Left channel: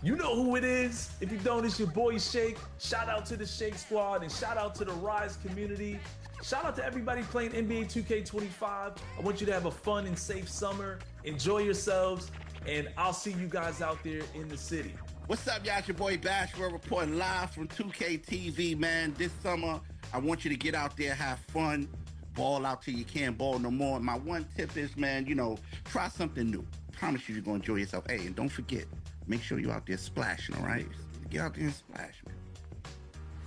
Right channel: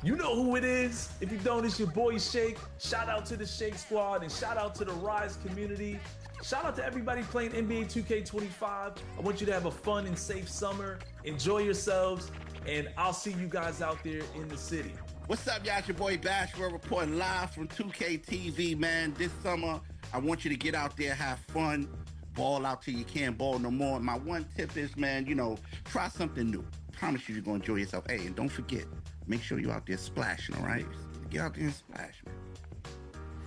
You know who it is. If you don't, it's your boy Shake. Shout out to the Shake Squad and shout out to the Rise community. Shout out to everybody playing NBA 2K25. I want you to have a fun and safe summer. Enjoy yourselves, and I'll see you guys out there in the city. What's up, y'all? It's your boy Bash. We're reporting live from 2K TV, man. This summer, I want you to get out there, have fun, ball out till you can't ball no more. My one tip is, man, try something new. Promise you you're going to enjoy yourself. Hey, and don't forget, make sure you're out there splashing, all right? Get out there and splash, man.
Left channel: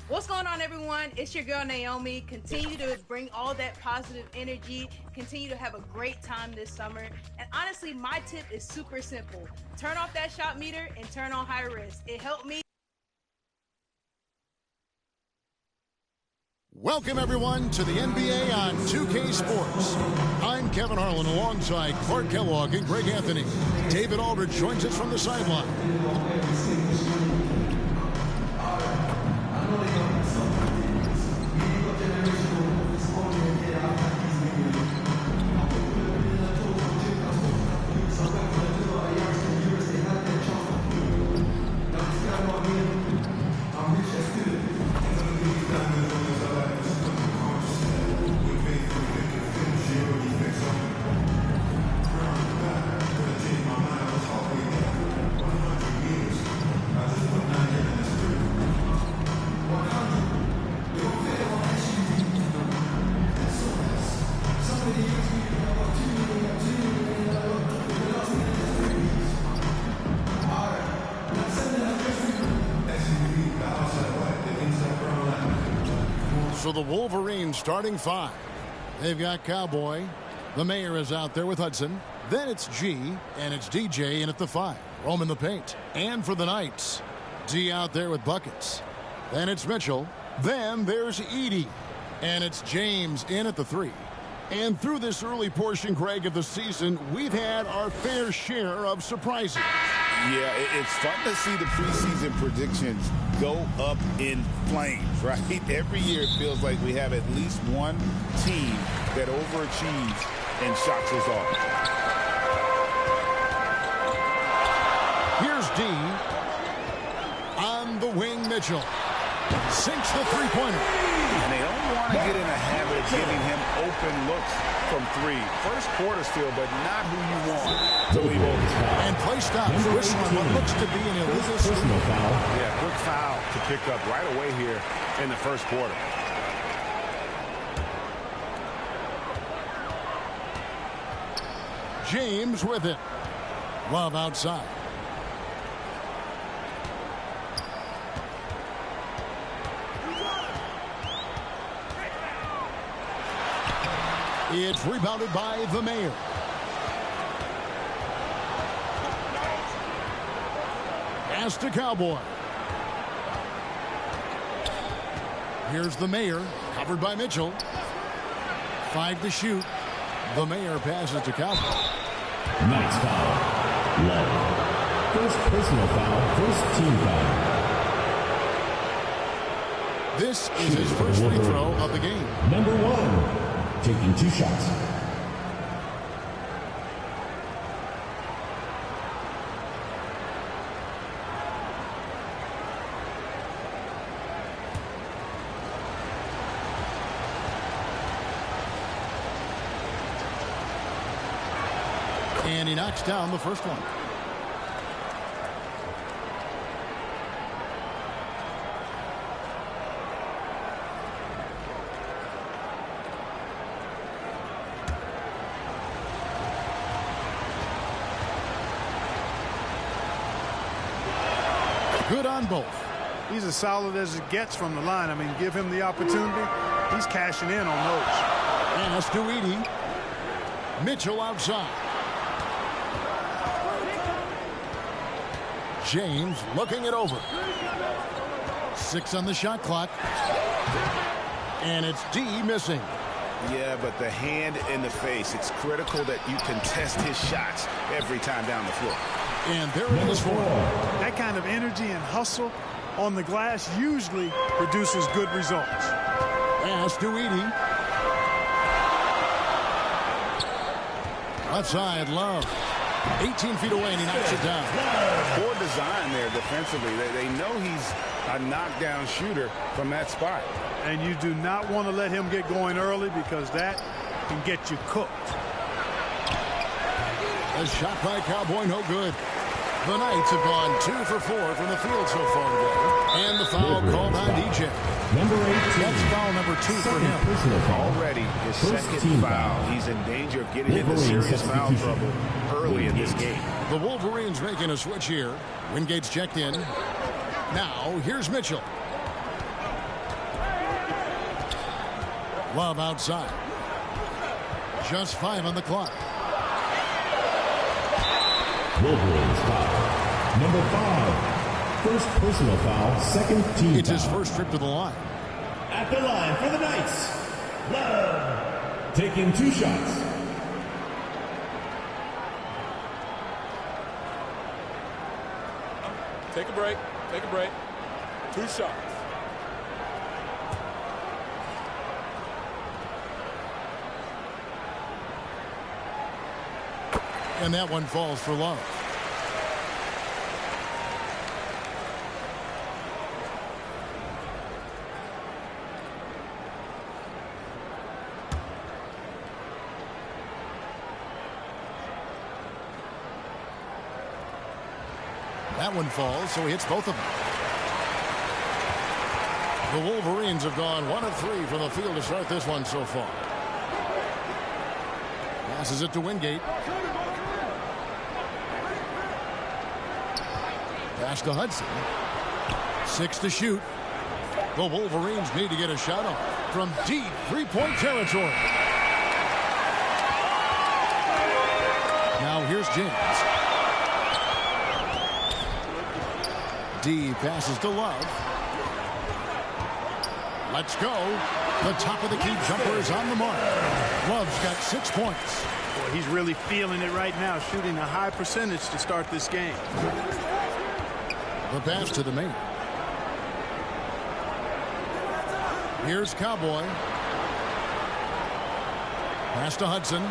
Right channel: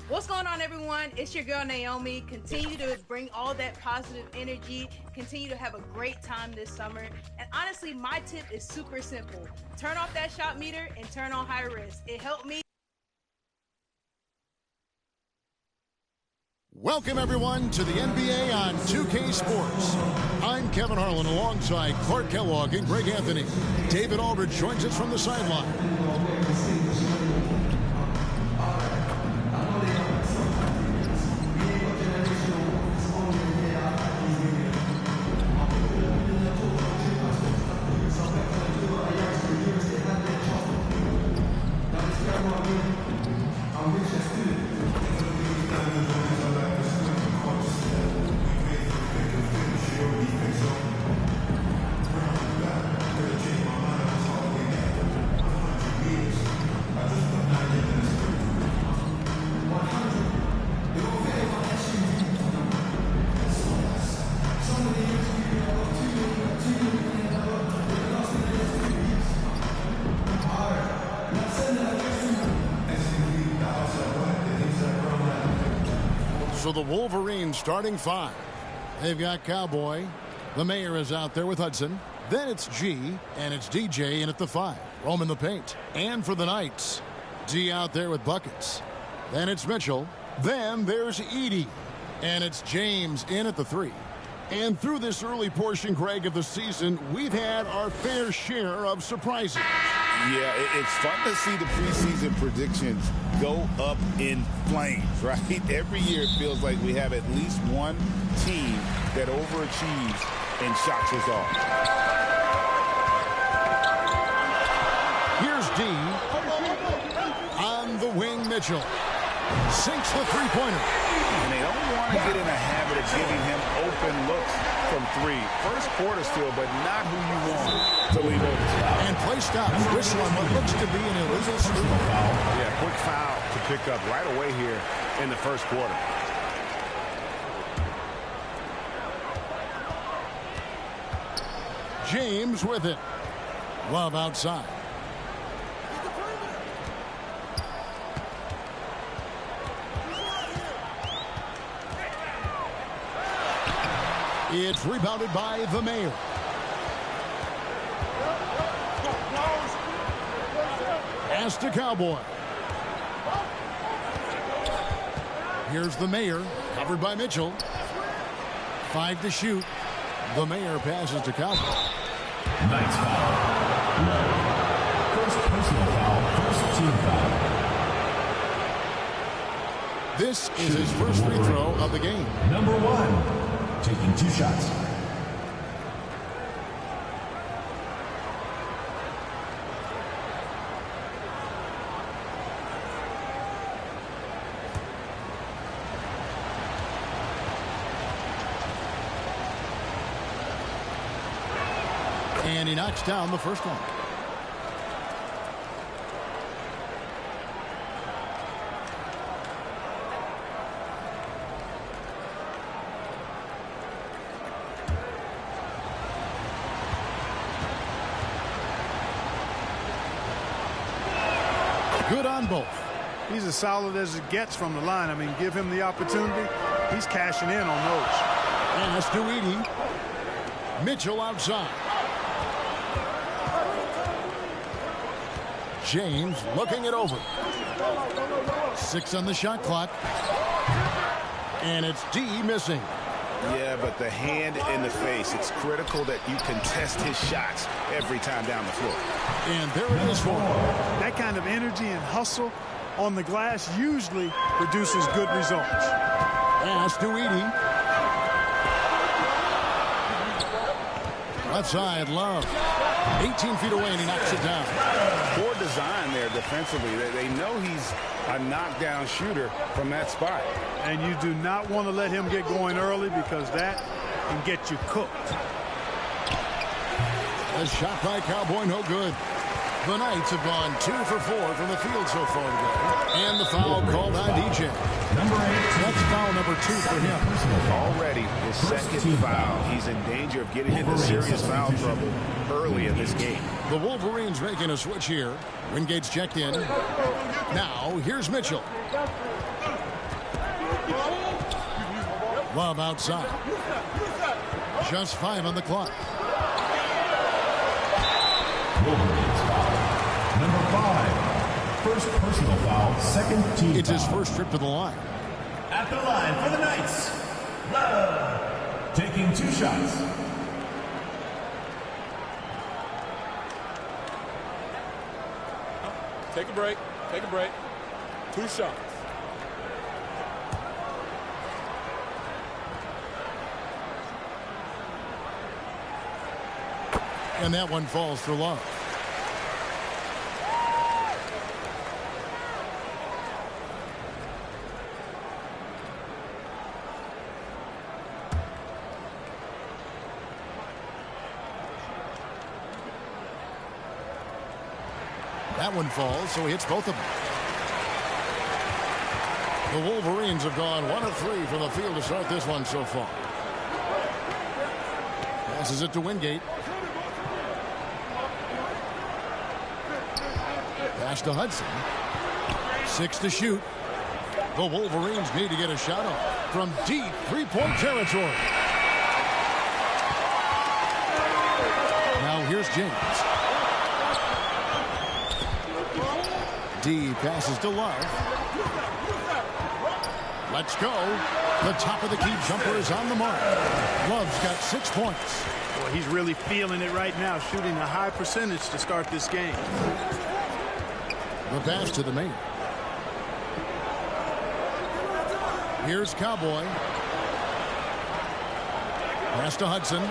What's going on, everyone? It's your girl, Naomi. Continue to bring all that positive energy. Continue to have a great time this summer. And honestly, my tip is super simple. Turn off that shot meter and turn on high risk. It helped me. Welcome, everyone, to the NBA on 2K Sports. I'm Kevin Harlan alongside Clark Kellogg and Greg Anthony. David Aldridge joins us from the sideline. So the Wolverines starting five. They've got Cowboy. The Mayor is out there with Hudson. Then it's G, and it's DJ in at the 5. Roman the paint. And for the Knights, D out there with buckets. Then it's Mitchell. Then there's Edie. And it's James in at the 3. And through this early portion, Greg, of the season, we've had our fair share of surprises. Yeah, it's fun to see the preseason predictions go up in flames, right? Every year it feels like we have at least one team that overachieves and shocks us all. Here's D. On the wing, Mitchell. Sinks the three-pointer. And they don't want to get in a habit of giving him open looks from 3. First quarter still, but not who you want to leave open. And play stops. Whistle on what looks to be an illegal personal foul. Yeah, quick foul to pick up right away here in the first quarter. James with it. Love outside. It's rebounded by the Mayor. Pass to Cowboy. Here's the Mayor, covered by Mitchell. 5 to shoot. The Mayor passes to Cowboy. Nice foul. Low. First personal foul, first team foul. This is his first free throw of the game. Number 1. Taking 2 shots. And he knocks down the first one. Good on both. He's as solid as it gets from the line. I mean, give him the opportunity. He's cashing in on those. And that's to Edie. Mitchell outside. James looking it over. 6 on the shot clock. And it's D missing. Yeah, but the hand in the face, it's critical that you contest his shots every time down the floor. And there it is for him. That kind of energy and hustle on the glass usually produces good results. Pass to Edey. Left side, Love. 18 feet away, and he knocks it down. Poor design there defensively. They know he's a knockdown shooter from that spot. And you do not want to let him get going early because that can get you cooked. A shot by Cowboy, no good. The Knights have gone 2 for 4 from the field so far today. And the foul called on DJ. Number 18. That's foul number 2 for him. Already his second foul. He's in danger of getting into serious foul trouble early in this game. The Wolverines making a switch here. Wingate's checked in. Now, here's Mitchell. Love outside. Just 5 on the clock. Wolverines foul. Number 5. First personal foul, second team It's foul. his first trip to the line. At the line for the Knights, Love. Taking 2 shots. Take a break. Take a break. 2 shots. And that one falls for Love. That one falls, so he hits both of them. The Wolverines have gone 1 of 3 from the field to start this one so far. Passes it to Wingate. Pass to Hudson. 6 to shoot. The Wolverines need to get a shot off from deep three-point territory. Now here's James. D passes to Love. Let's go. The top of the key jumper is on the mark. Love's got 6 points. Boy, he's really feeling it right now, shooting a high percentage to start this game. The pass to the main. Here's Cowboy. Pass to Hudson.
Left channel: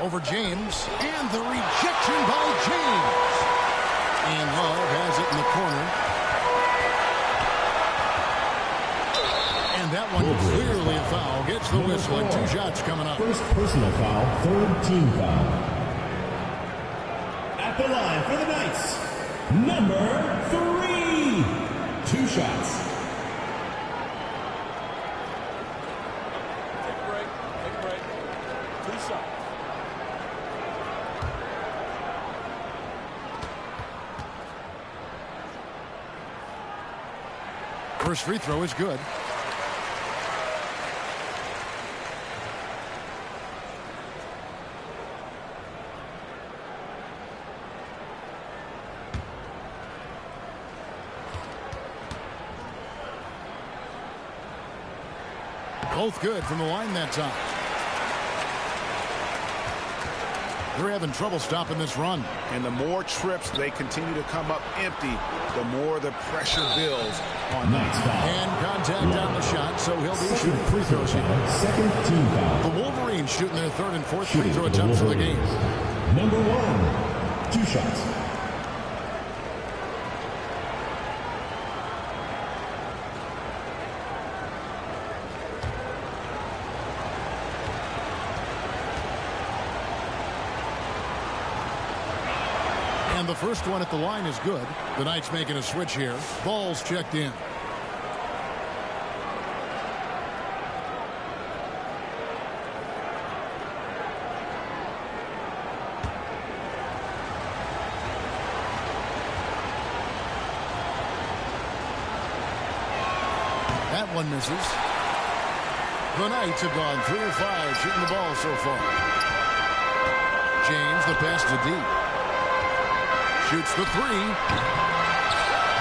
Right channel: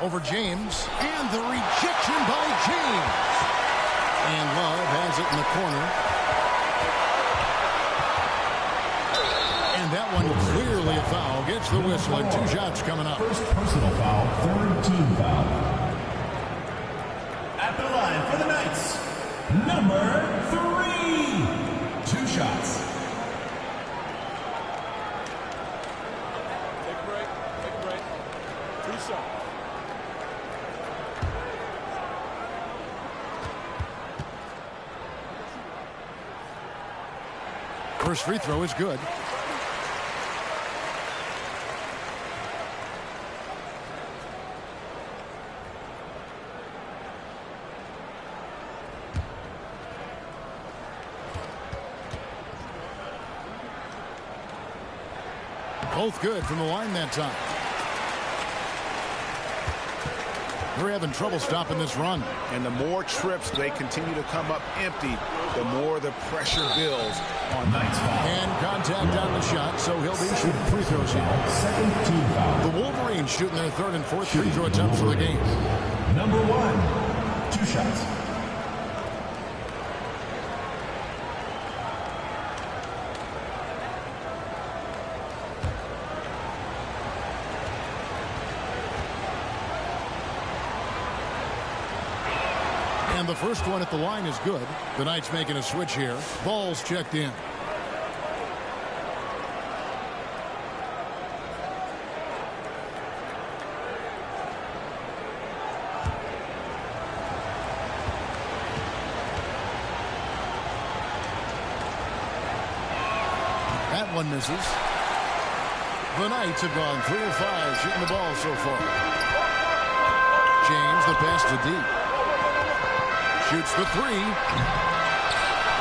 Over James. And the rejection by James. And Love has it in the corner. And that one clearly a foul. Gets the whistle and 2 shots coming up. First personal foul, third team foul. At the line for the Knights, number 3. 2 shots. Take a break. Take a break. 2 shots. First free throw is good. Both good from the line that time. They're having trouble stopping this run. And the more trips they continue to come up empty, the more the pressure builds on Knights foul. And contact on the shot, so he'll be shooting free throws here. Second team foul. The Wolverines shooting their 3rd and 4th free throw attempts of the game. Number 1. 2 shots. And the first one at the line is good. The Knights making a switch here. Ball's checked in. That one misses. The Knights have gone 3 of 5 shooting the ball so far. James, the pass to deep. Shoots the 3.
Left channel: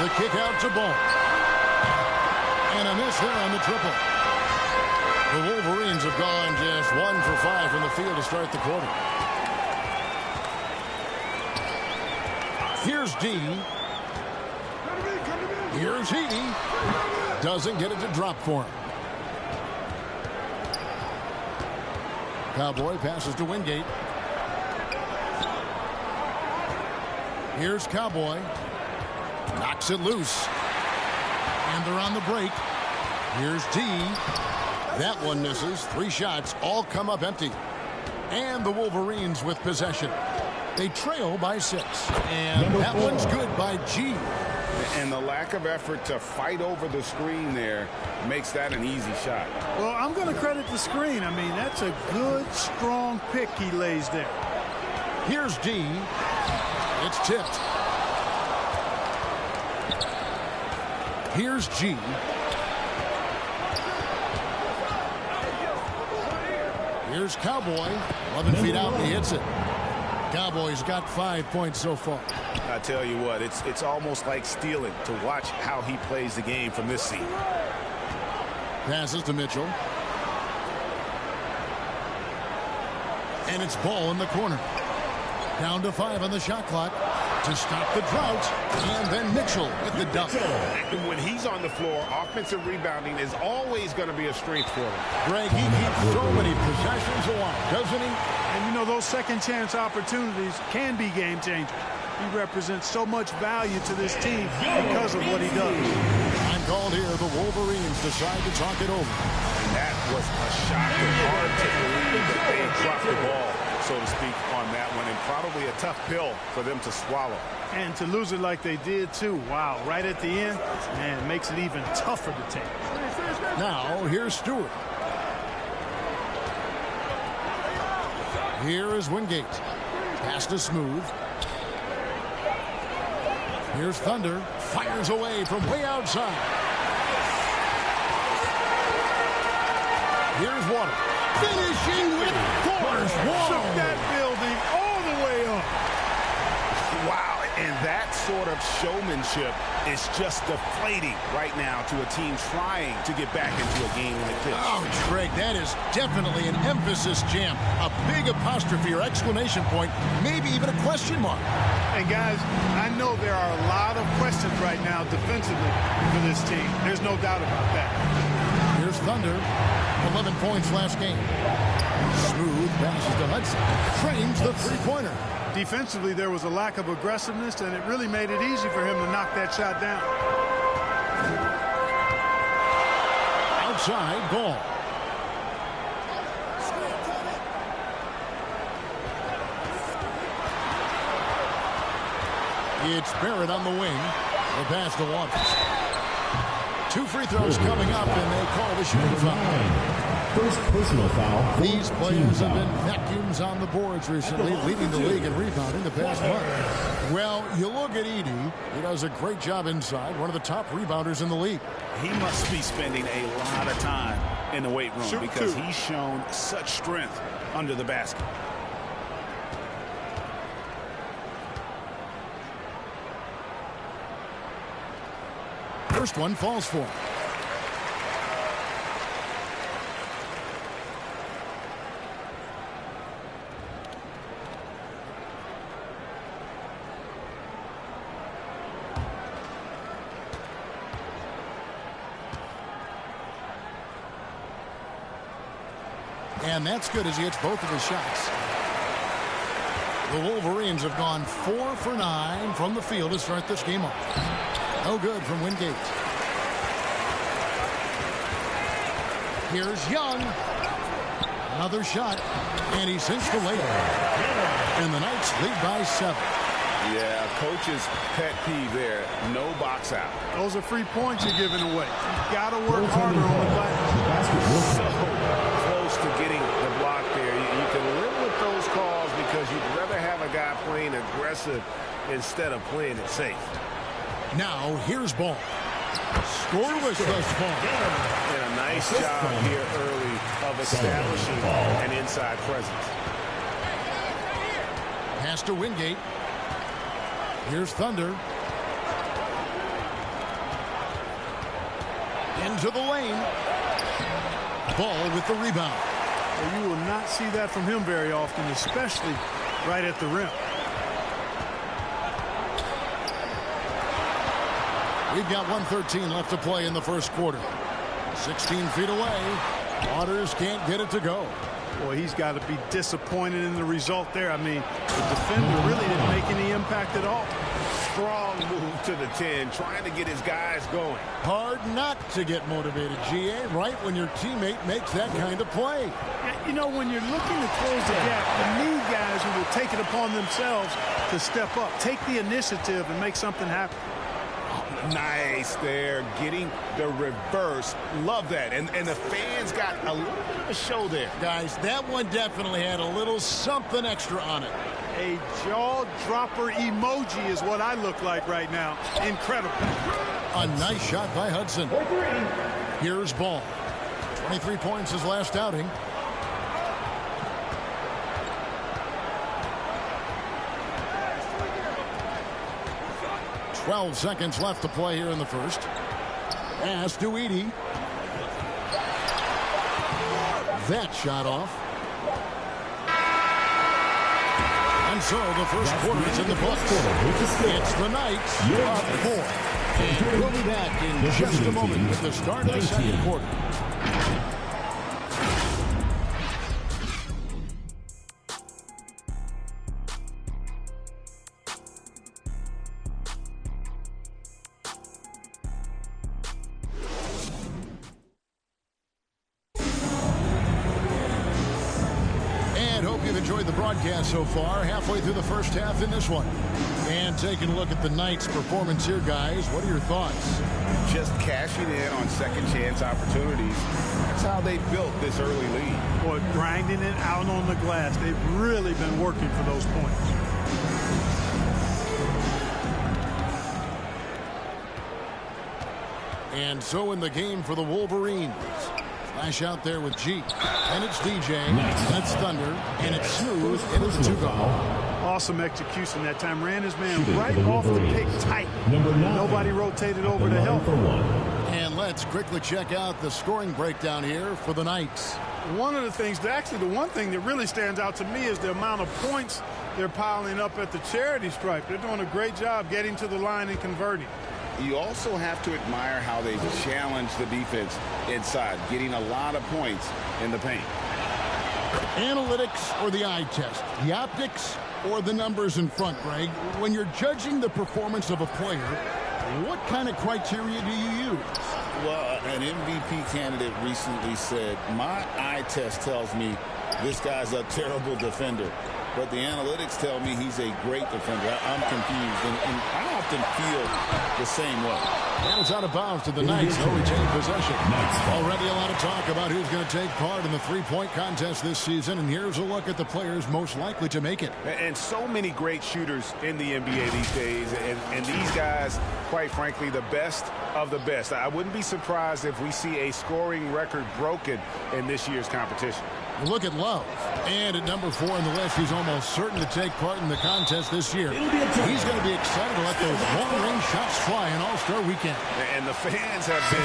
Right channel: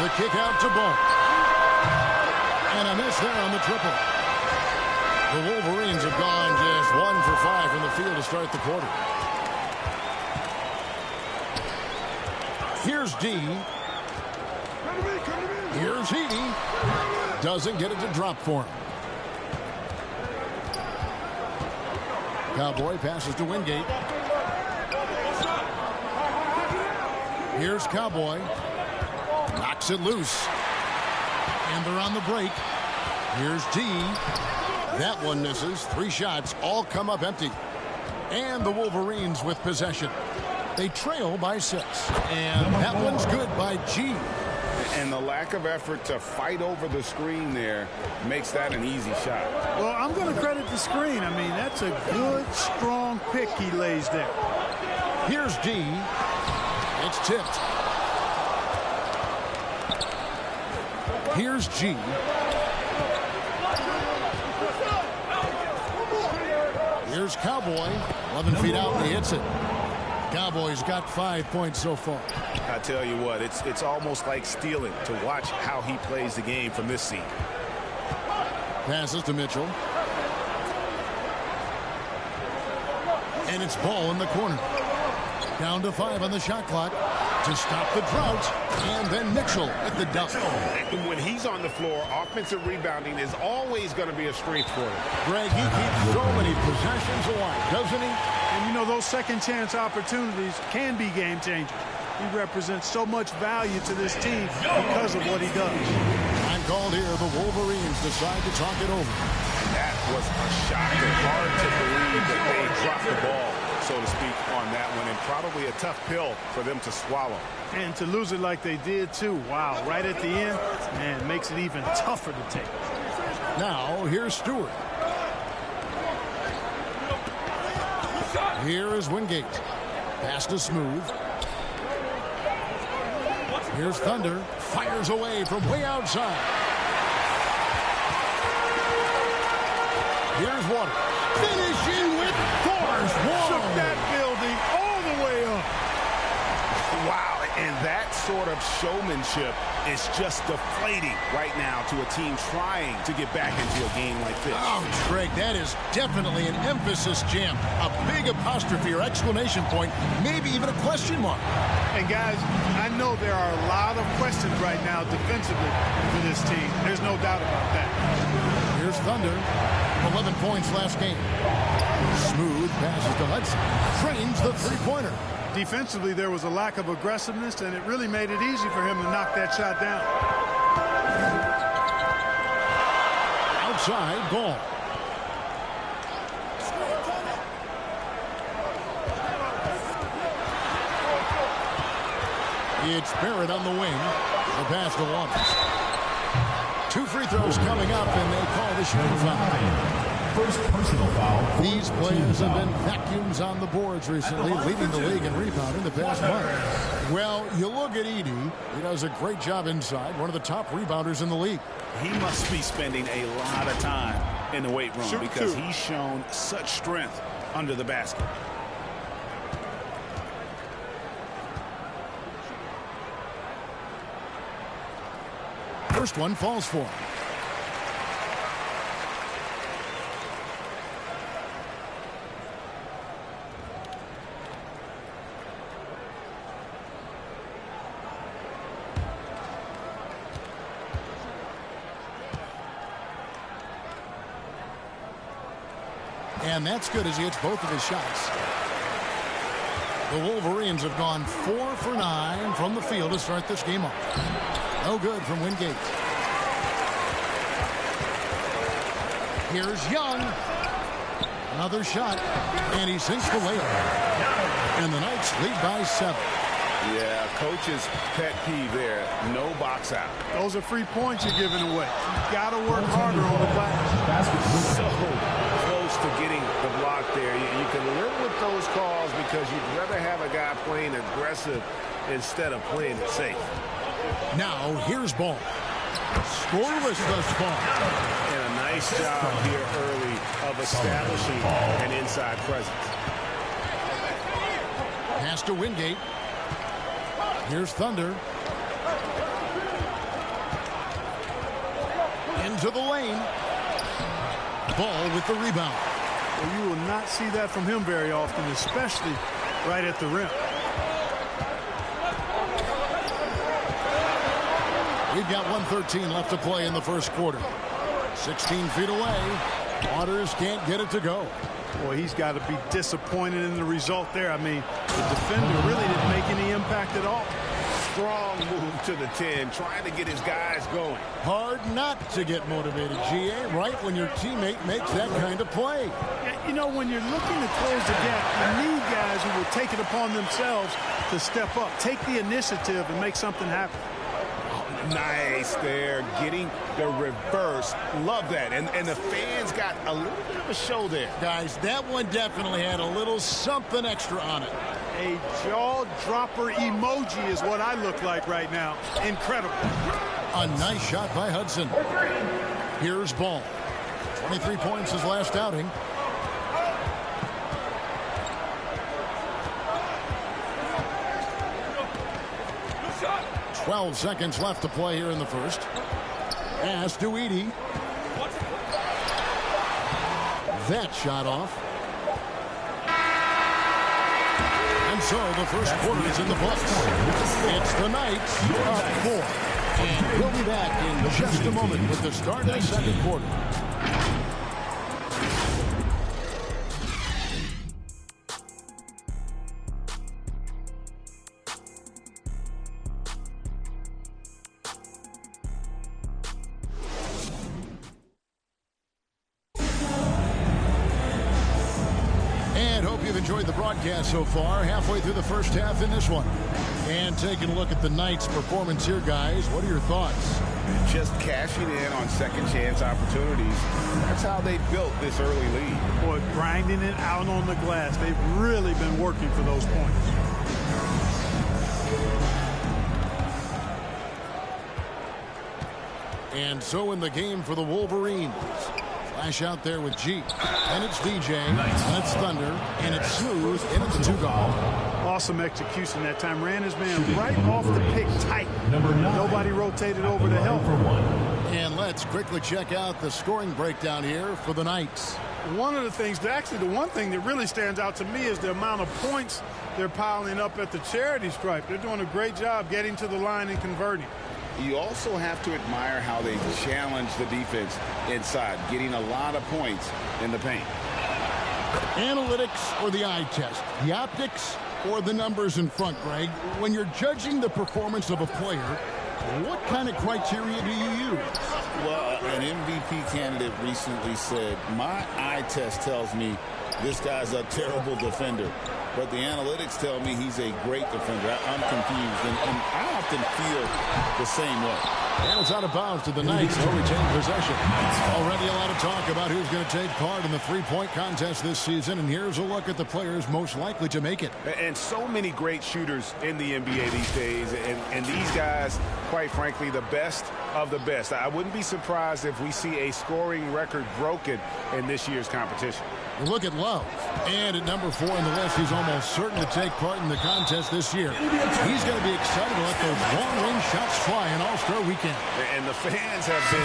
The kick out to Ball. And a miss there on the triple. The Wolverines have gone just 1 for 5 from the field to start the quarter. Here's D. Here's Heaney. Doesn't get it to drop for him. Cowboy passes to Wingate. Here's Cowboy. Knocks it loose. And they're on the break. Here's D. That one misses. 3 shots all come up empty. And the Wolverines with possession. They trail by 6. And that one's good by G. And the lack of effort to fight over the screen there makes that an easy shot. Well, I'm going to credit the screen. I mean, that's a good, strong pick he lays there. Here's D. It's tipped. Here's G. Here's Cowboy. 11 feet out, and he hits it. Cowboys got 5 points so far. I tell you what, it's almost like stealing to watch how he plays the game from this seat. Passes to Mitchell. And it's Ball in the corner. Down to 5 on the shot clock to stop the drought. And then Mitchell with the dunk. And when he's on the floor, offensive rebounding is always going to be a strength for them. Greg, he keeps so many possessions alive, doesn't he? And, you know, those second-chance opportunities can be game changers. He represents so much value to this team because of what he does. Time called here. The Wolverines decide to talk it over. And that was a shocker. Hard to believe that they dropped the ball, so to speak, on that one. And probably a tough pill for them to swallow. And to lose it like they did, too. Wow, right at the end, man, makes it even tougher to take. Now, here's Stewart. Here is Wingate. Pass to Smooth. Here's Thunder. Fires away from way outside. Here's Waters. Finishing with force. Shook that building all the way up. Wow, and that sort of showmanship is just deflating right now to a team trying to get back into a game like this. Oh, Greg, that is definitely an emphasis jam. A big apostrophe or exclamation point, maybe even a question mark. And, guys, I know there are a lot of questions right now defensively for this team. There's no doubt about that. Here's Thunder. 11 points last game. Smooth passes to Hudson. Frames the three-pointer. Defensively, there was a lack of aggressiveness, and it really made it easy for him to knock that shot down. Outside, Ball. It's Barrett on the wing. The pass to Waters. 2 free throws coming up, and they call the shooting foul. First personal foul. These players have been vacuums on the boards recently, leading the league in rebounding the past month. Well, you look at Edey. He does a great job inside, one of the top rebounders in the league. He must be spending a lot of time in the weight room because he's shown such strength under the basket. First one falls for him. And that's good as he hits both of his shots. The Wolverines have gone 4 for 9 from the field to start this game off. No good from Wingate. Here's Young. Another shot. And he sinks the layup. And the Knights lead by 7. Yeah, coach's pet peeve there. No box out. Those are free points you're giving away. You've got to work harder on the glass. So close to getting the block there. You can live with those calls because you'd rather have a guy playing aggressive instead of playing it safe. Now, here's Ball. Scoreless thus far. And a nice job here early of establishing an inside presence. Pass to Wingate. Here's Thunder. Into the lane. Ball with the rebound. Well, you will not see that from him very often, especially right at the rim. We've got 1:13 left to play in the first quarter. 16 feet away. Waters can't get it to go. Boy, he's got to be disappointed in the result there. I mean, the defender really didn't make any impact at all. Strong move to the 10, trying to get his guys going. Hard not to get motivated, GA, right when your teammate makes that kind of play. Yeah, you know, when you're looking to close the gap, you need guys who will take it upon themselves to step up, take the initiative, and make something happen. Nice there, getting the reverse. Love that. And the fans got a little bit of a show there. Guys, that one definitely had a little something extra on it. A jaw-dropper emoji is what I look like right now. Incredible. A nice shot by Hudson. Here's Ball. 23 points his last outing. .12 seconds left to play here in the first. Pass to Edey. That shot off. And so the first quarter is in the books. It's the Knights up 4. And we'll be back in just a moment with the start of the second quarter. Enjoyed the broadcast so far, halfway through the first half in this one. And taking a look at the Knights' performance here, guys, what are your thoughts? Just cashing in on second chance opportunities. That's how they built this early lead. Boy, grinding it out on the glass. They've really been working for those points. And so in the game for the Wolverines. Flash out there with G. And it's DJ. And it's Thunder. And it's Smooth. And it's a 2-goal. Awesome execution that time. Ran his man right off the pick tight. Nobody rotated over to help. And let's quickly check out the scoring breakdown here for the Knights. One of the things, actually the one thing that really stands out to me is the amount of points they're piling up at the charity stripe. They're doing a great job getting to the line and converting. You also have to admire how they challenge the defense inside, getting a lot of points in the paint. Analytics or the eye test? The optics or the numbers in front, Greg? When you're judging the performance of a player, what kind of criteria do you use? Well, an MVP candidate recently said, my eye test tells me this guy's a terrible defender. But the analytics tell me he's a great defender. I'm confused, and I often feel the same way. And it's out of bounds to the Knights. They'll retain possession. Already a lot of talk about who's going to take part in the three-point contest this season, and here's a look at the players most likely to make it. And so many great shooters in the NBA these days, and these guys, quite frankly, the best of the best. I wouldn't be surprised if we see a scoring record broken in this year's competition. Look at Love. And at number 4 on the list, he's almost certain to take part in the contest this year. He's going to be excited to let those long-range shots fly in All-Star Weekend. And the fans have been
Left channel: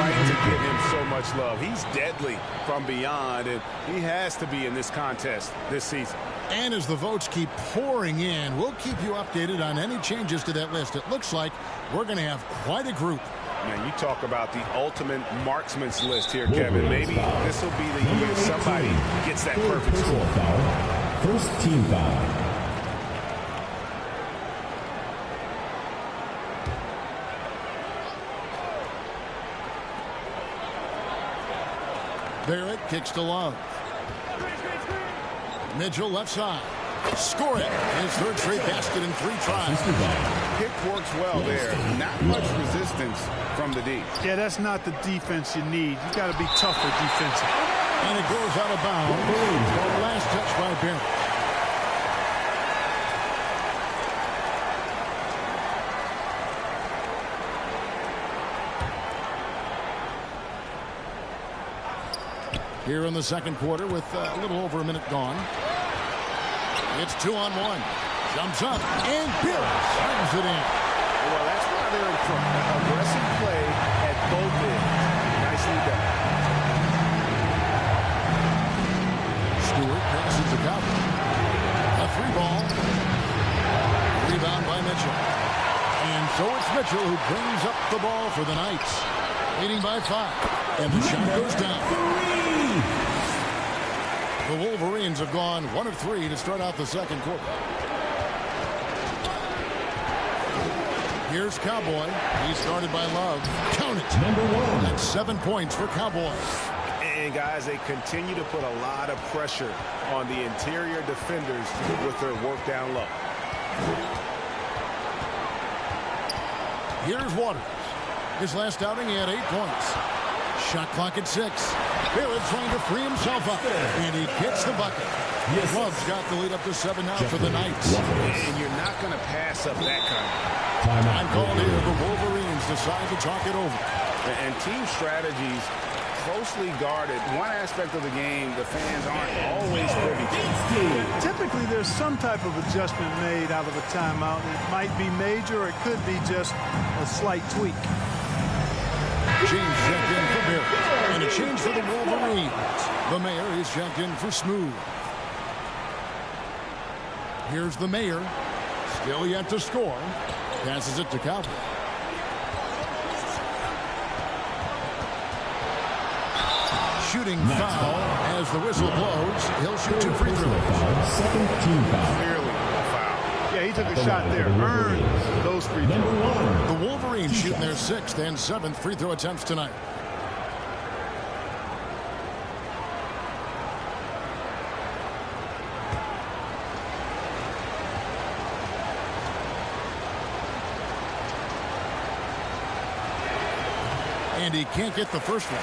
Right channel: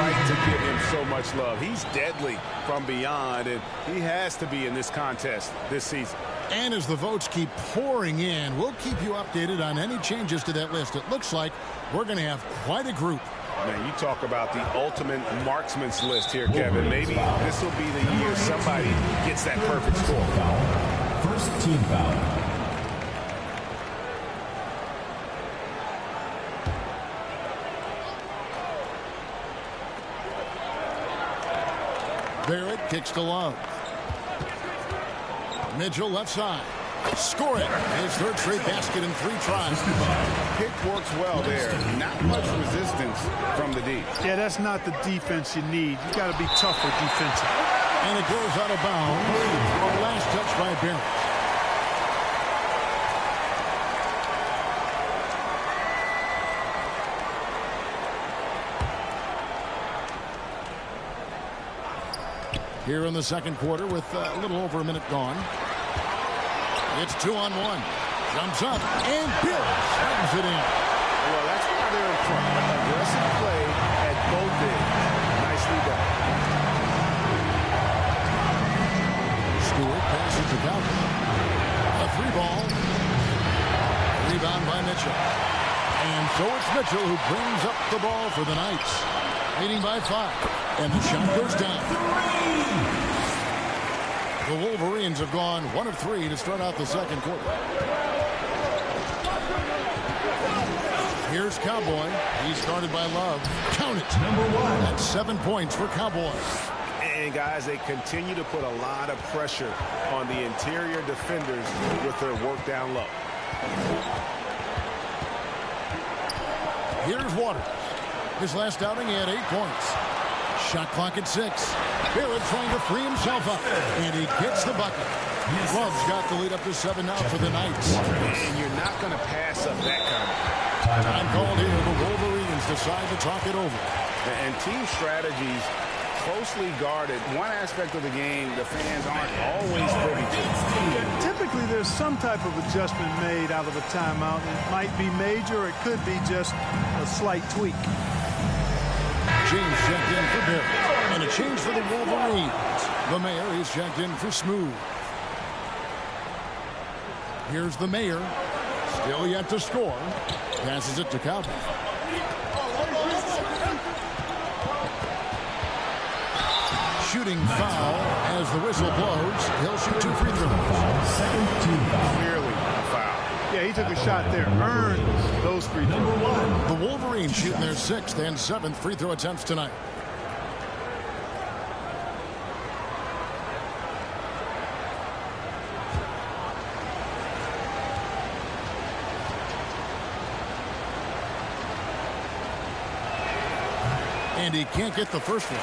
right to give him so much love. He's deadly from beyond, and he has to be in this contest this season. And as the votes keep pouring in, we'll keep you updated on any changes to that list. It looks like we're going to have quite a group. Man, you talk about the ultimate marksman's list here, Kevin. Maybe this will be the year somebody gets that perfect score. First team foul. Barrett kicks to Love. Mitchell left side. Score it. His third straight basket in 3 tries. Pick works well there. Not much resistance from the D. Yeah, that's not the defense you need. You got to be tougher defensively. And it goes out of bounds. Last touch by Barrett. Here in the second quarter with a little over a minute gone. It's 2-on-1. Jumps up, and Barrett slams it in. Well, that's why they're in front. Aggressive play at both ends. Nicely done. Stewart passes to Cowboy. A 3-ball. Rebound by Mitchell. And so it's Mitchell who brings up the ball for the Knights. Leading by 5. And the shot goes down. The Wolverines have gone 1 of 3 to start out the second quarter. Here's Cowboy. He's guarded by Love. Count it. Number 1. That's 7 points for Cowboy. And guys, they continue to put a lot of pressure on the interior defenders with their work down low. Here's Waters. His last outing, he had 8 points. Shot clock at 6. Barrett trying to free himself up. And he gets the bucket. Yes. Love's got the lead up to 7 now for the Knights. And you're not going to pass up that kind of. Time called here. The Wolverines decide to talk it over. And team strategies closely guarded. One aspect of the game the fans aren't always privy to. Yeah, typically there's some type of adjustment made out of a timeout. It might be major or it could be just a slight tweak. James checked in for Barrett. And a change for the Wolverines. The Mayor is checked in for Smooth. Here's the Mayor. Still yet to score. Passes it to Cowboy. Shooting foul as the whistle blows. He'll shoot 2 free throws. Second team foul. Clearly a foul. Yeah, he took a shot there. Earned those free throws. Number 1. The Wolverines shooting their 6th and 7th free throw attempts tonight. And he can't get the first one.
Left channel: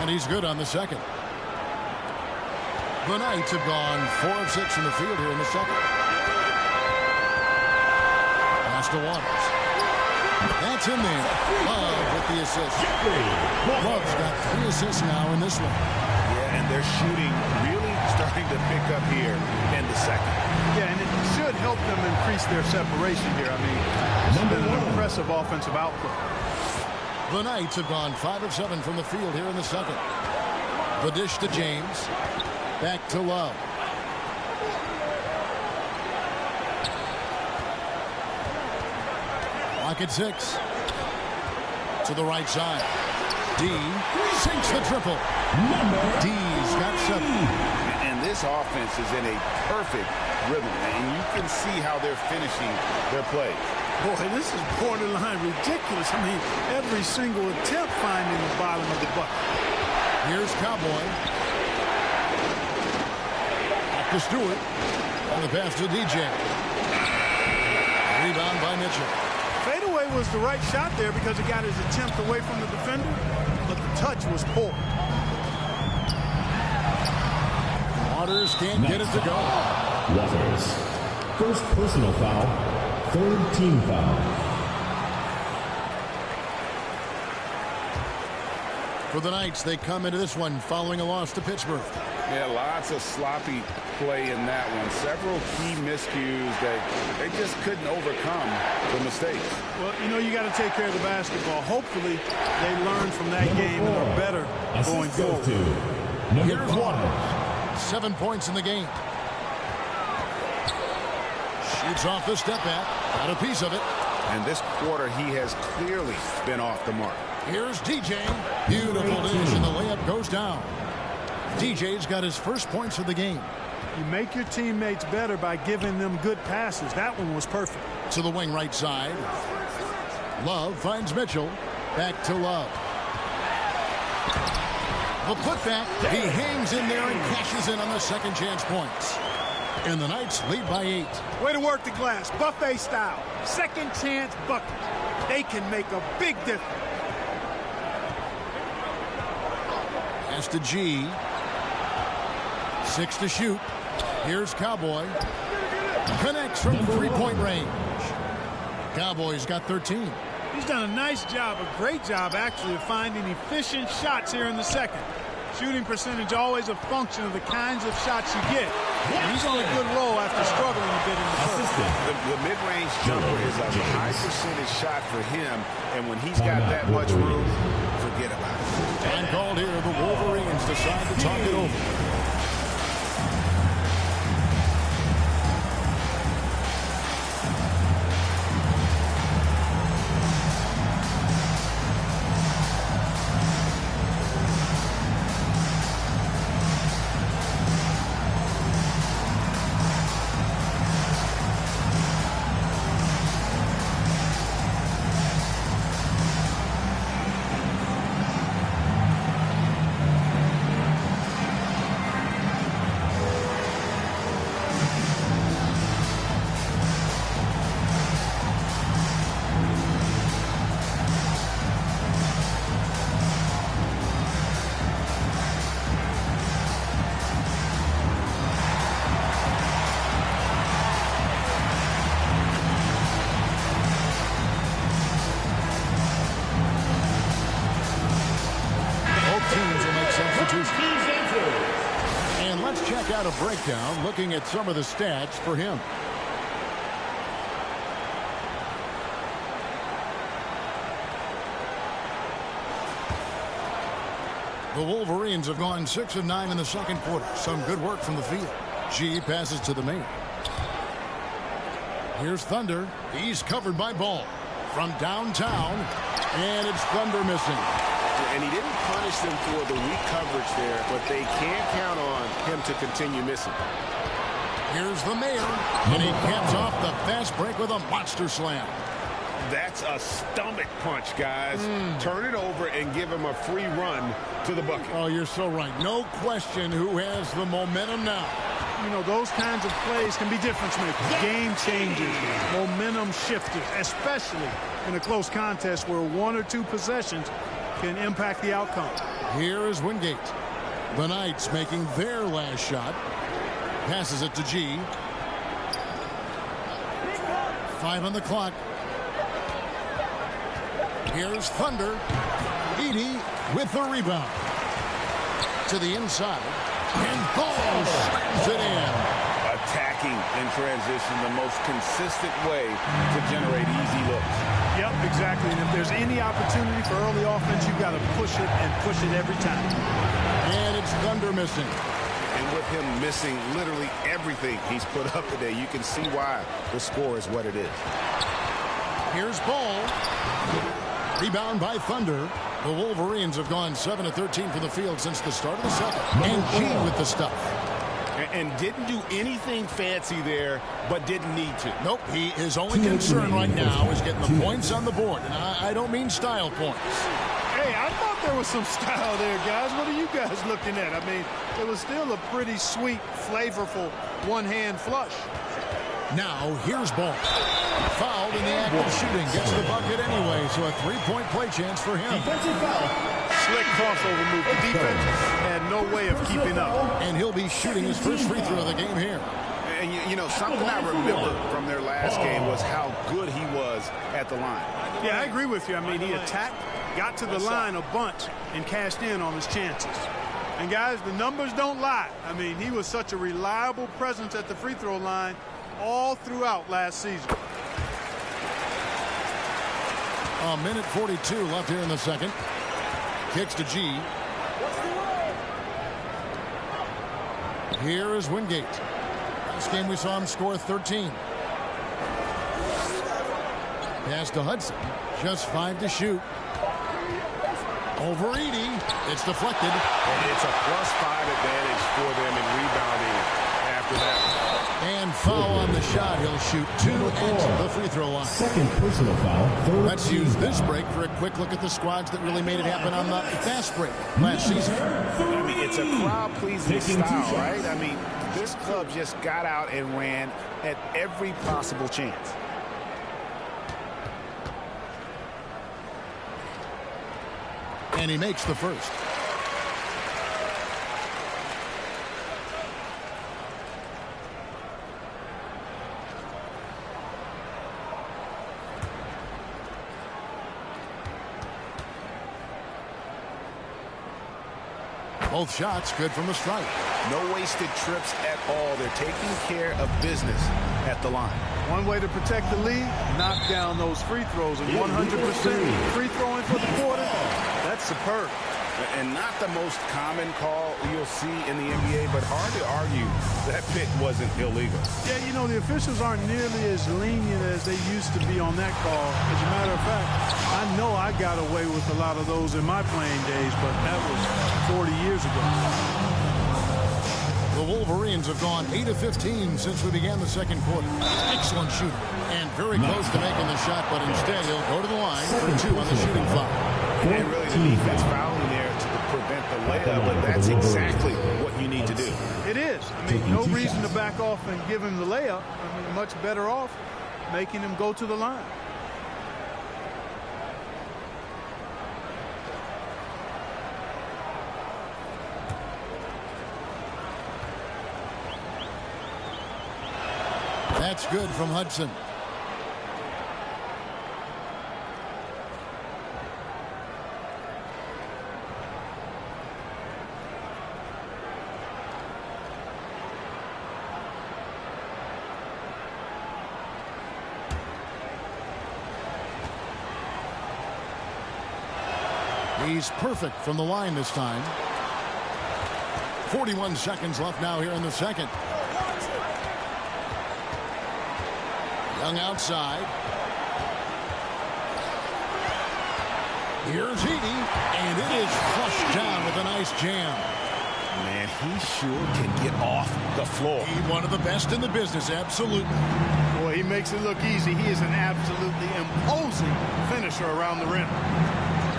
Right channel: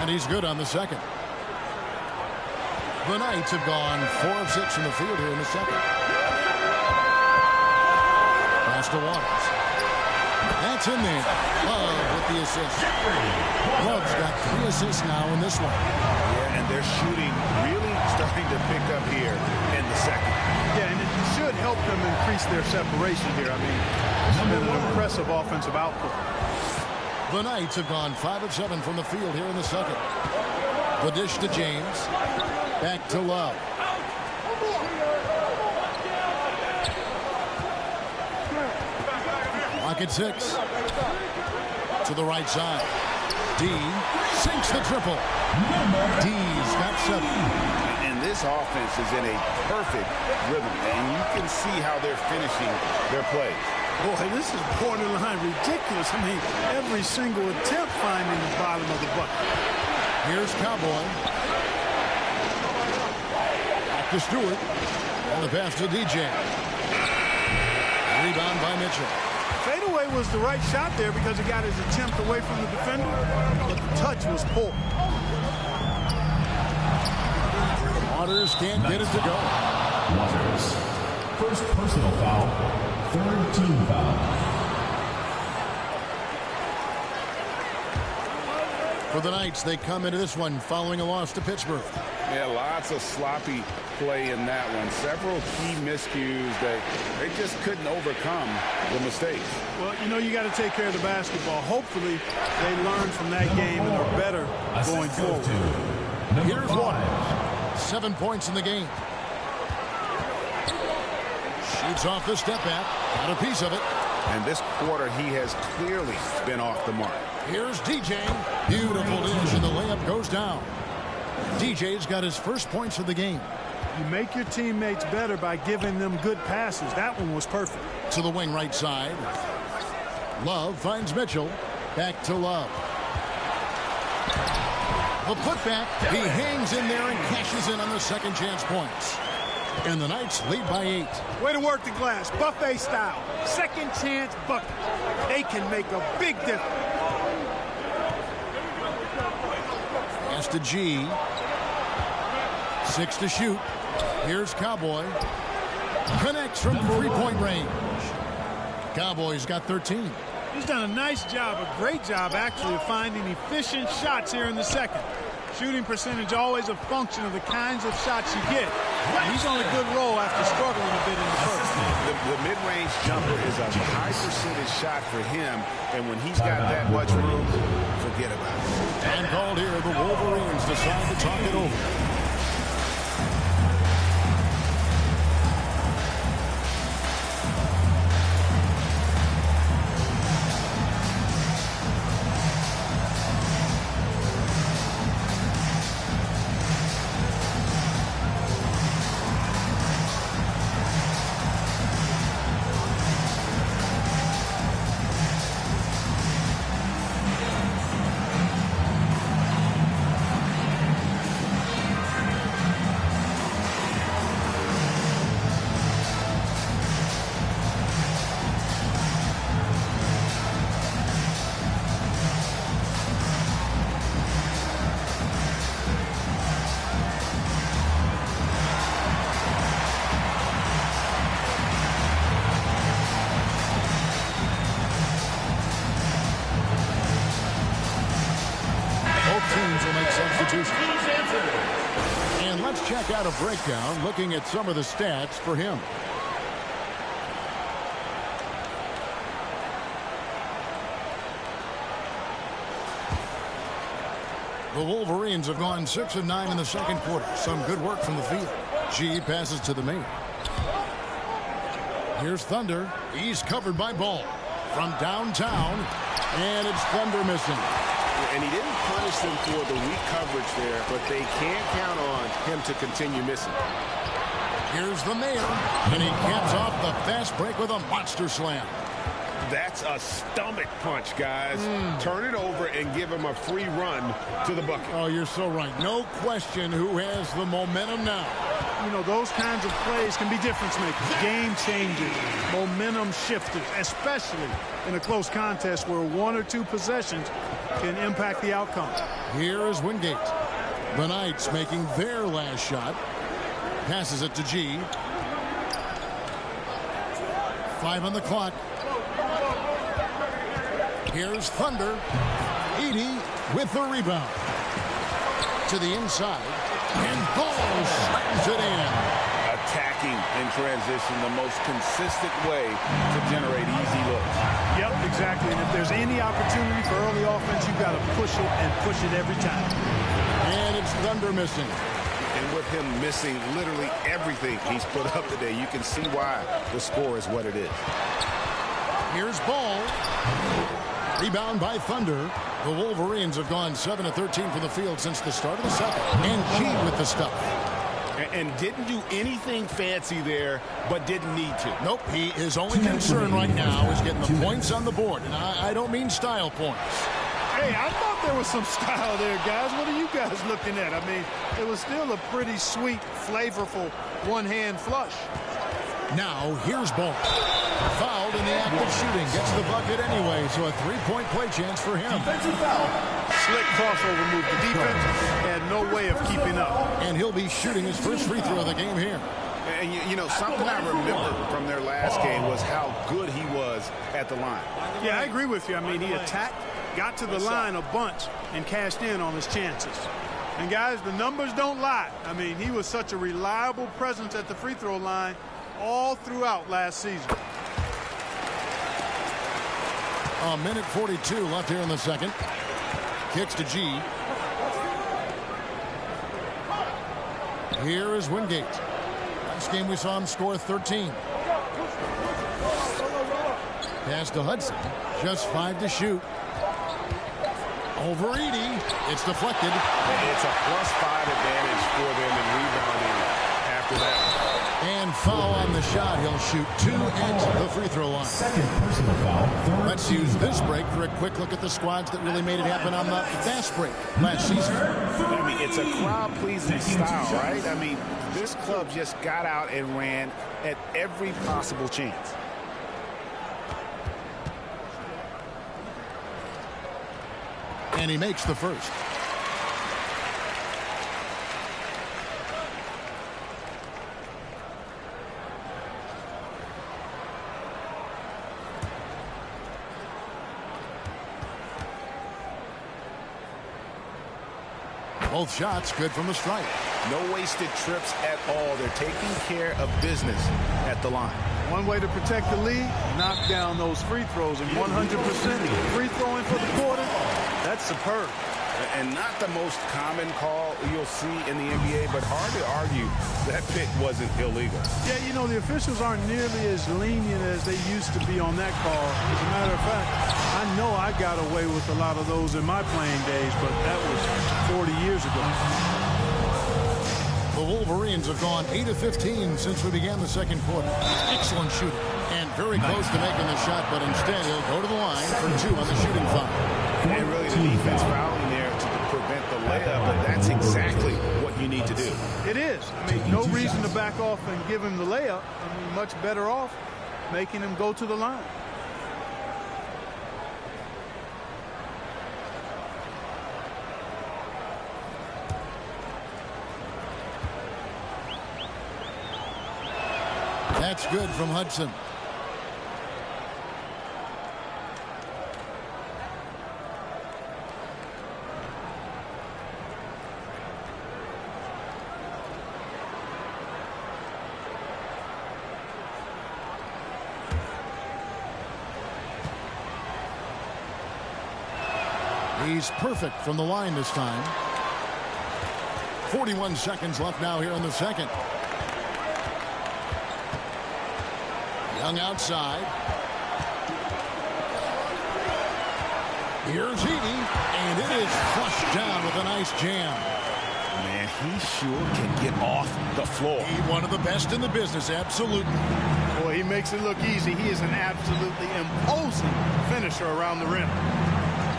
And he's good on the second. The Knights have gone 4 of 6 from the field here in the second. Pass to Waters. That's in there. Love with the assist. Love's got 3 assists now in this one. Yeah, and they're shooting really starting to pick up here in the second. Yeah, and it should help them increase their separation here. I mean, this has been an impressive offensive output. The Knights have gone 5 of 7 from the field here in the second. The dish to James. Back to Love. Clock at 6. To the right side. D sinks the triple. D's got 7. And this offense is in a perfect rhythm, and you can see how they're finishing their plays. Boy, this is borderline ridiculous. I mean, every single attempt finding the bottom of the bucket. Here's Cowboy. Back to Stewart. And the pass to DJ. Rebound by Mitchell. Fadeaway was the right shot there because he got his attempt away from the defender, but the touch was poor. Waters can't get it to go. Waters. First personal foul. Third team foul. For the Knights, they come into this one following a loss to Pittsburgh. Yeah, lots of sloppy play in that one. Several key miscues that they just couldn't overcome the mistakes. Well, you know, you got to take care of the basketball. Hopefully, they learn from that game and are better going forward. Here's Waters. 7 points in the game. Shoots off the step back. Got a piece of it. And this quarter, he has clearly been off the mark. Here's DJ. Beautiful dish, and the layup goes down. DJ's got his first points of the game. You make your teammates better by giving them good passes. That one was perfect. To the wing right side. Love finds Mitchell. Back to Love. The putback. He hangs in there and cashes in on the second chance points. And the Knights lead by 8. Way to work the glass. Buffet style. Second chance bucket. They can make a big difference. Pass to G. 6 to shoot. Here's Cowboy. Connects from three-point range. Cowboys got 13. He's done a nice job, a great job actually, of finding efficient shots here in the second. Shooting percentage always a function of the kinds of shots you get. And he's on a good roll after struggling a bit in the first. The mid-range jumper is a high percentage shot for him, and when he's got that much room, forget about it. Time called here. The Wolverines decide to talk it over. Teams will make substitutions. And let's check out a breakdown looking at some of the stats for him. The Wolverines have gone 6 of 9 in the second quarter. Some good work from the field. G passes to the main. Here's Thunder. He's covered by Ball from downtown, and it's Thunder missing. And he didn't punish them for the weak coverage there, but they can't count on him to continue missing. Here's the Mayor, and he caps off the fast break with a monster slam. That's a stomach punch, guys. Turn it over and give him a free run to the bucket. Oh, you're so right. No question who has the momentum now. You know, those kinds of plays can be difference makers, game changers, momentum shifters, especially in a close contest where 1 or 2 possessions can impact the outcome. Here is Wingate. The Knights making their last shot. Passes it to G. 5 on the clock. Here's Thunder. Edey with the rebound. To the inside. And Ball slams it in. Attacking in transition, the most consistent way to generate easy looks. Yep, exactly. And if there's any opportunity for early offense, you've got to push it and push it every time. And it's Thunder missing. And with him missing literally everything he's put up today, you can see why the score is what it is. Here's Ball. Rebound by Thunder. The Wolverines have gone 7 of 13 from the field since the start of the second. And G with the stuff. And didn't do anything fancy there, but didn't need to. Nope, his only concern right now is getting the points on the board. And I don't mean style points. Hey, I thought there was some style there, guys. What are you guys looking at? I mean, it was still a pretty sweet, flavorful one-hand flush. Now, here's Ball. Fouled in the act of shooting. Gets the bucket anyway, so a 3-point play chance for him. Defensive foul. Slick crossover move. The defense had no way of keeping up. And he'll be shooting his first free throw of the game here. And, you know, something I remember from their last game was how good he was at the line. Yeah, I agree with you. I mean, he attacked, got to the line a bunch, and cashed in on his chances. And, guys, the numbers don't lie. I mean, he was such a reliable presence at the free throw line all throughout last season. A minute 42 left here in the second. Kicks to G. Here is Wingate. Last game we saw him score 13. Pass to Hudson. Just 5 to shoot. Over Edey. It's deflected. It's a +5 advantage for them in rebounding after that. And foul on the shot. He'll shoot 2 at the free throw line. Second personal foul. Let's use this break for a quick look at the squads that really made it happen on the fast break last season. I mean, it's a crowd-pleasing style, right? I mean, this club just got out and ran at every possible chance. And he makes the first. Both shots good from the stripe. No wasted trips at all. They're taking care of business at the line. One way to protect the lead, knock down those free throws, and 100% free throwing for the quarter, that's superb. And not the most common call you'll see in the NBA, but hard to argue that pick wasn't illegal. Yeah, you know, the officials aren't nearly as lenient as they used to be on that call. As a matter of fact, I know I got away with a lot of those in my playing days, but that was 40 years ago. The Wolverines have gone 8 of 15 since we began the second quarter. Excellent shooting. And very close to making the shot, but instead he'll go to the line for 2 on the shooting foul. And really the defense fouling there to prevent the layup, but that's exactly what you need to do. It is. I mean, no reason to back off and give him the layup. I mean, much better off making him go to the line. That's good from Hudson. He's perfect from the line this time. 41 seconds left now here in the second. Young outside. Here's Edey, and it is flushed down with a nice jam. Man, he sure can get off the floor. He's one of the best in the business, absolutely. Boy, he makes it look easy. He is an absolutely imposing finisher around the rim.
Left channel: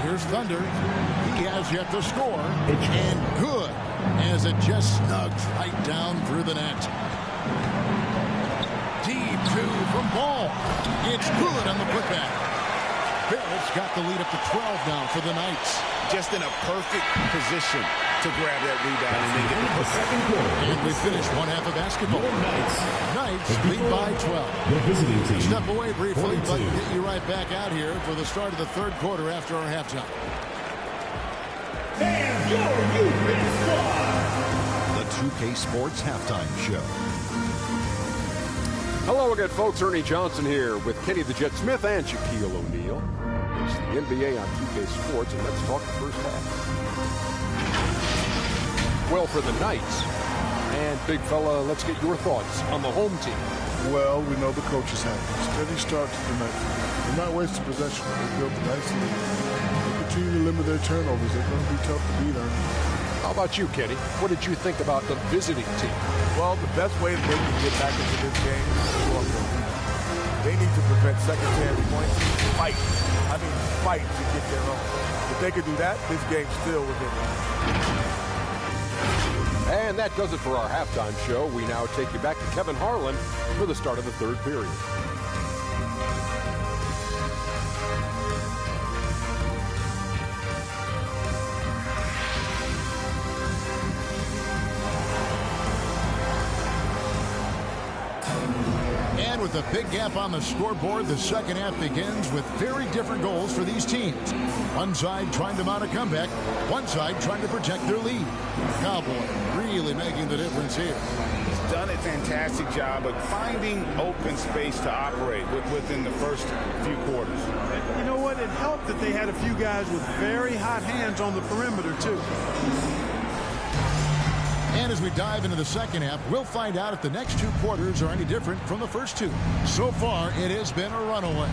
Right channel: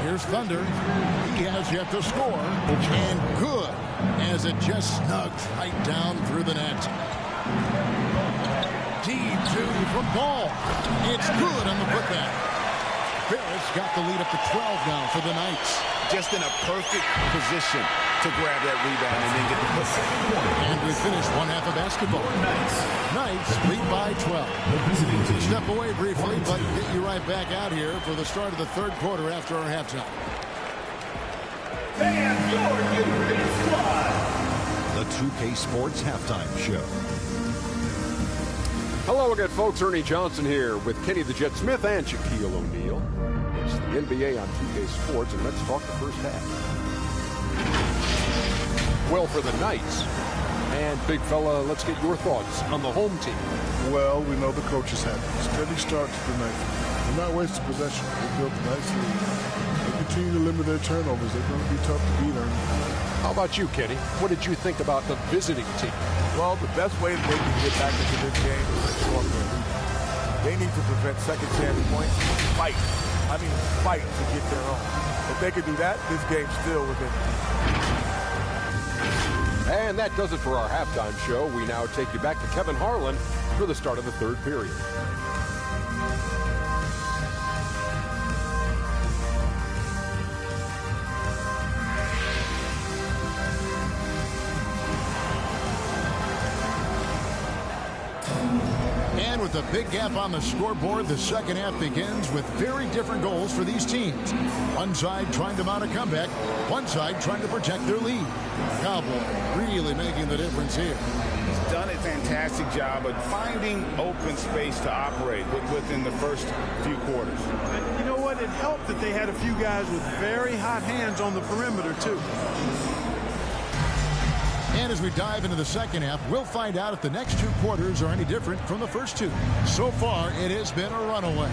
Here's Thunder. He has yet to score, and good, as it just snugs right down through the net. Deep 2 from Ball. It's good on the putback. Barrett's got the lead up to 12 now for the Knights. Just in a perfect position to grab that rebound and then get the putback. And we finish one half of basketball. Knights lead by 12. The visiting team. Step away briefly, but get you right back out here for the start of the third quarter after our halftime. And your youth squad. The 2K Sports Halftime Show. Hello again, folks. Ernie Johnson here with Kenny the Jet Smith and Shaquille O'Neal. It's the NBA on 2K Sports, and let's talk the first half. Well, for the Knights. And, big fella, let's get your thoughts on the home team. Well, we know the coach is happy. Steady start to the night. They're not wasting possession. They built a nice lead. They continue to limit their turnovers. They're going to be tough to beat, Ernie. How about you, Kenny? What did you think about the visiting team? Well, the best way that they can get back into this game is to show up their rebound. They need to prevent second chance points. Fight. I mean, fight to get their own. If they could do that, this game's still within it. And that does it for our halftime show. We now take you back to Kevin Harlan for the start of the third period. And with a big gap on the scoreboard, the second half begins with very different goals for these teams. One side trying to mount a comeback, one side trying to protect their lead. Cowboy really making the difference here. He's done a fantastic job of finding open space to operate within the first few quarters. And you know what? It helped that they had a few guys with very hot hands on the perimeter, too. And as we dive into the second half, we'll find out if the next two quarters are any different from the first two. So far, it has been a runaway.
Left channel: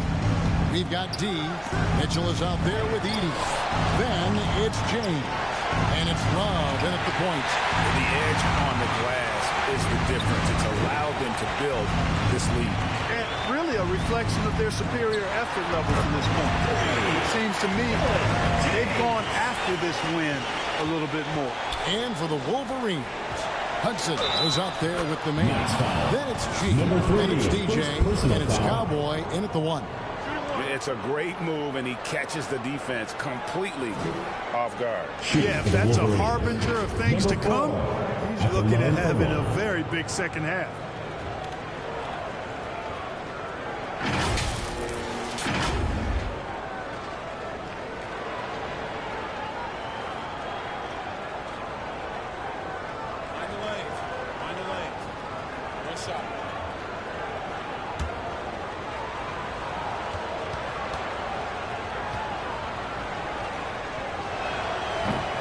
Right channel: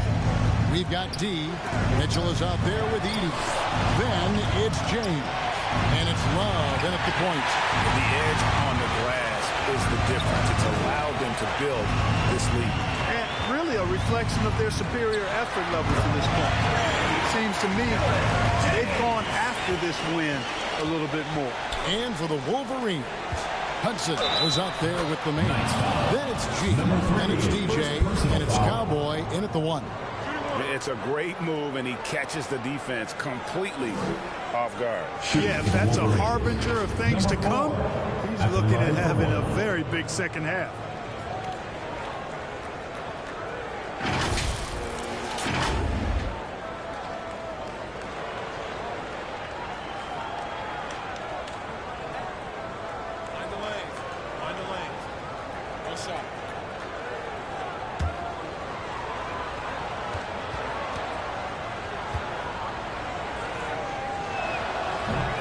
We've got D. Mitchell is out there with Edey. Then it's James. And it's Love in at the point. The edge on the glass is the difference. It's allowed them to build this lead. And really a reflection of their superior effort level to this point. It seems to me they've gone after this win a little bit more. And for the Wolverines, Hudson was out there with the man. Then it's G, then it's DJ, and it's Cowboy in at the one. It's a great move, and he catches the defense completely off guard. Yeah, if that's a harbinger of things to come, he's looking at having a very big second half. the lanes. One shot.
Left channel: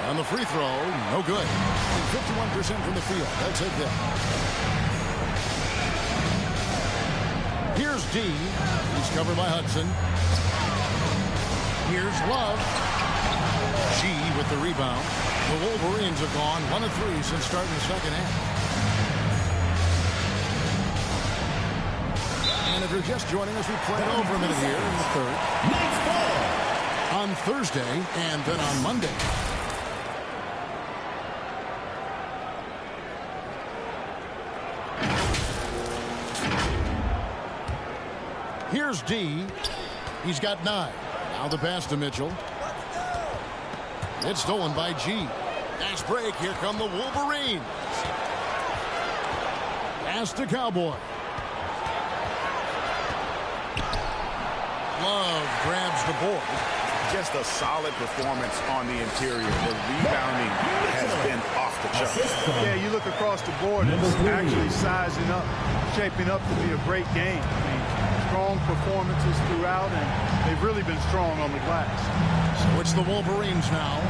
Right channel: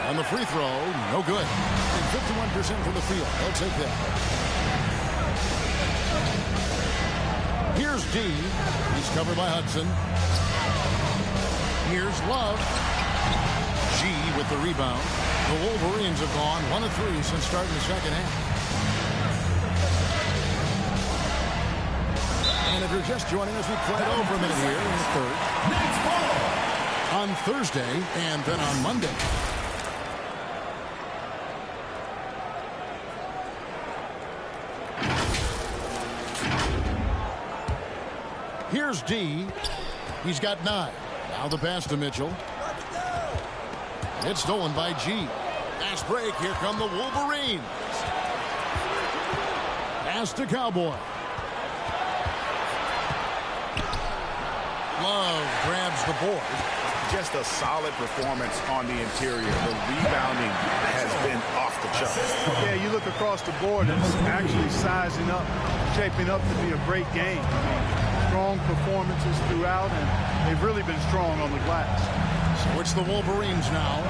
On the free throw, no good. 51% from the field. They'll take that. Here's D. He's covered by Hudson. Here's Love. G with the rebound. The Wolverines have gone 1 of 3 since starting the second half. And if you're just joining us, we played over a minute here in the third. Next ball. On Thursday and then on Monday. Here's D. He's got 9. Now the pass to Mitchell. It's stolen by G. Fast break. Here come the Wolverines. Pass to Cowboy. Love grabs the board. Just a solid performance on the interior. The rebounding has been off the charts. Yeah, you look across the board, it's actually sizing up, shaping up to be a great game. I mean, strong performances throughout, and they've really been strong on the glass. So it's the Wolverines now.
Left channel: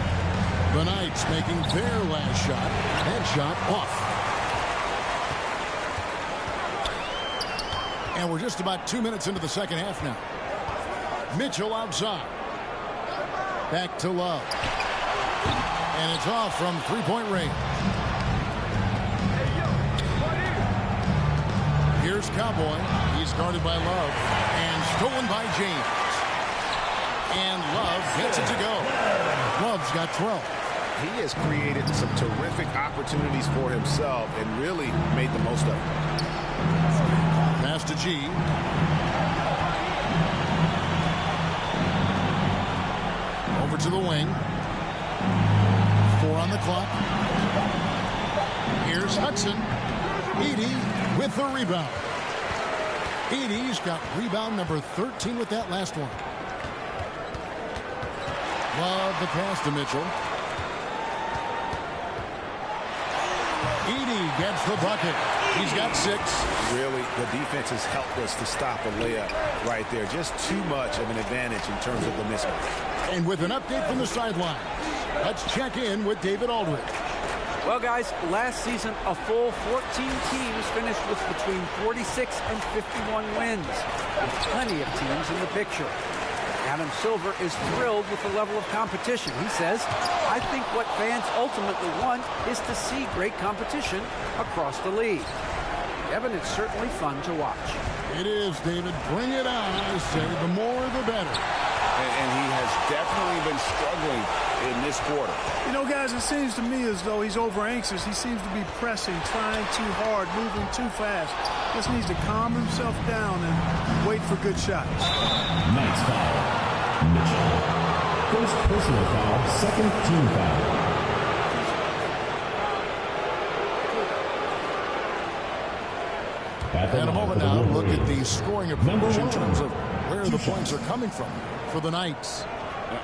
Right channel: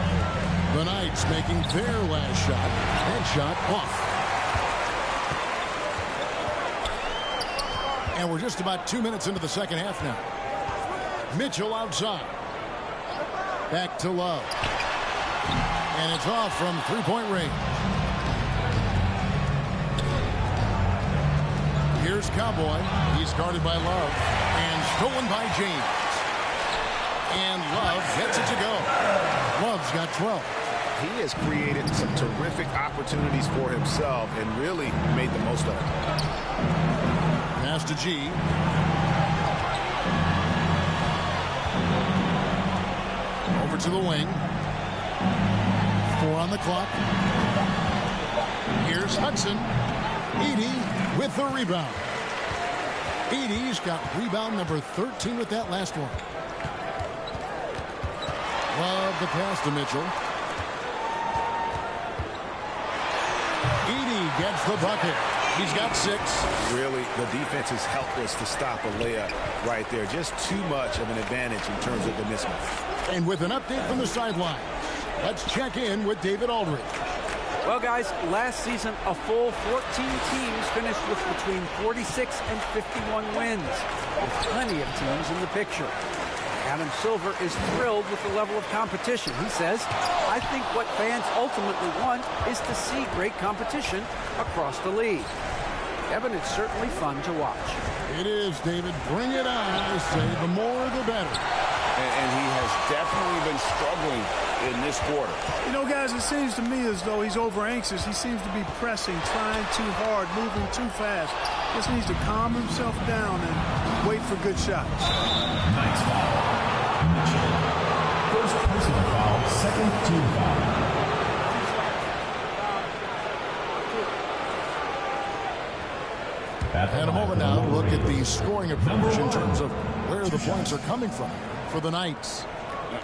The Knights making their last shot. Headshot off. And we're just about 2 minutes into the second half now. Mitchell outside. Back to Love. And it's off from three-point range. Here's Cowboy. He's guarded by Love. And stolen by James. And Love gets it to go. Love's got 12. He has created some terrific opportunities for himself and really made the most of it. Pass to G. Over to the wing. 4 on the clock. Here's Hudson. Edey with the rebound. Edey's got rebound number 13 with that last one. Love the pass to Mitchell. Edey gets the bucket. He's got 6. Really, the defense is helpless to stop a layup right there. Just too much of an advantage in terms of the mismatch. And with an update from the sidelines, let's check in with David Aldridge. Well, guys, last season, a full 14 teams finished with between 46 and 51 wins, with plenty of teams in the picture. Adam Silver is thrilled with the level of competition. He says, I think what fans ultimately want is to see great competition across the league. Evan, it's certainly fun to watch. It is, David. Bring it on. I say the more the better. And he has definitely been struggling in this quarter. You know, guys, it seems to me as though he's over anxious. He seems to be pressing, trying too hard, moving too fast. Just needs to calm himself down and wait for good shots. Knights foul. Mitchell. First personal foul, second team foul. And a moment now, look at the scoring approach in terms of where the points are coming from for the Knights.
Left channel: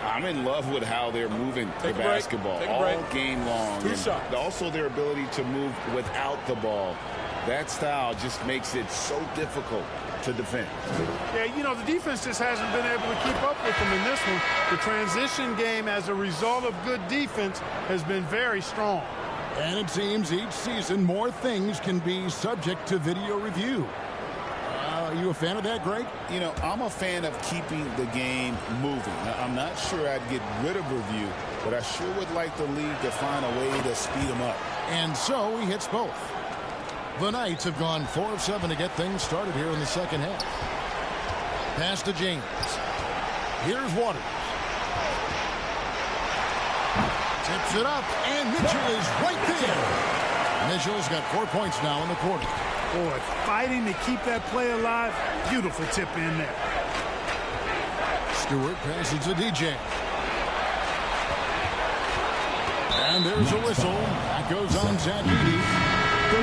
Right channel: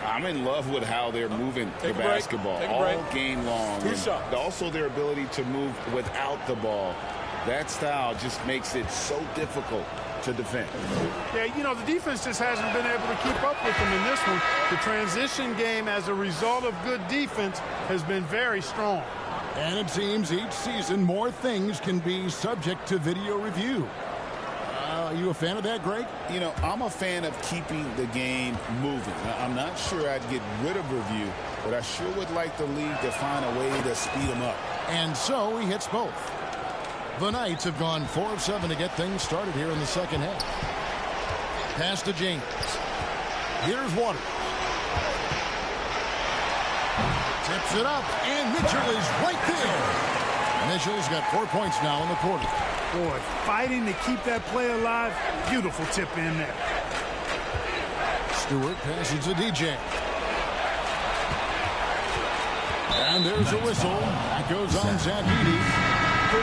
I'm in love with how they're moving the basketball all game long. And also their ability to move without the ball. That style just makes it so difficult to defend. Yeah, you know, the defense just hasn't been able to keep up with them in this one. The transition game, as a result of good defense, has been very strong. And it seems each season more things can be subject to video review. Are you a fan of that, Greg? You know, I'm a fan of keeping the game moving. I'm not sure I'd get rid of review, but I sure would like the league to find a way to speed them up. And so he hits both. The Knights have gone 4 of 7 to get things started here in the second half. Pass to James. Here's Waters. Tips it up, and Mitchell is right there. Mitchell's got 4 points now in the quarter. Boy, fighting to keep that play alive. Beautiful tip in there. Stewart passes to DJ. And there's a whistle. That goes on Zach Edey.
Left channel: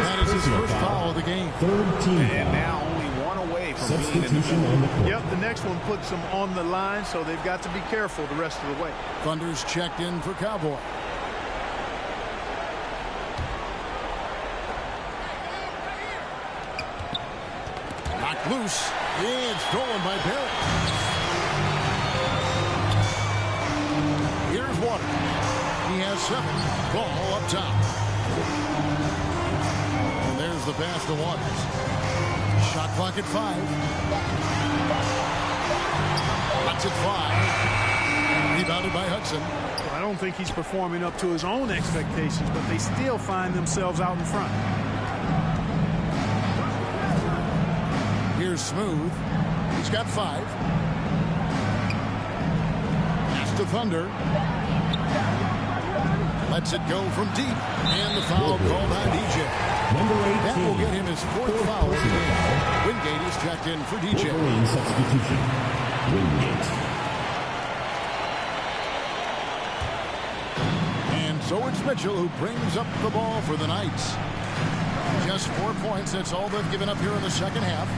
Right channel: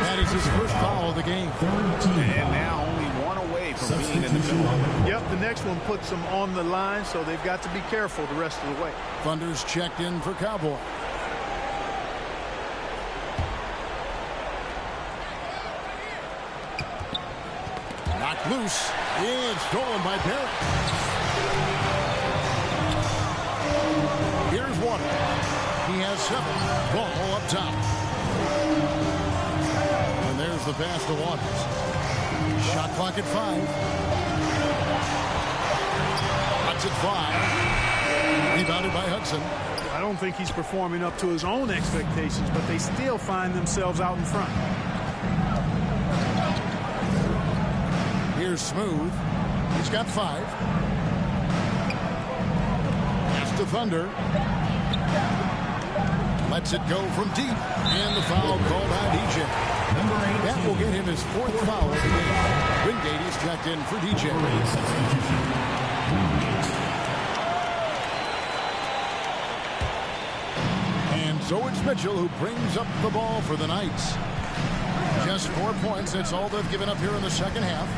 That is his first foul of the game. And now only one away from being in the penalty. Yep, the next one puts them on the line, so they've got to be careful the rest of the way. Thunder's checked in for Cowboy. Knocked loose. It's stolen by Barrett. Here's Waters. He has 7. Ball up top. And there's the pass to Waters. Shot clock at 5. That's at 5. Rebounded by Hudson. Well, I don't think he's performing up to his own expectations, but they still find themselves out in front. Here's Smooth. He's got 5. Pass to Thunder. Lets it go from deep. And the foul called on DJ. That will get him his 4th foul of the game. Wingate is checked in for DJ. Wolverine substitution. Wingate. And so it's Mitchell who brings up the ball for the Knights. Just 4 points. That's all they've given up here in the second half.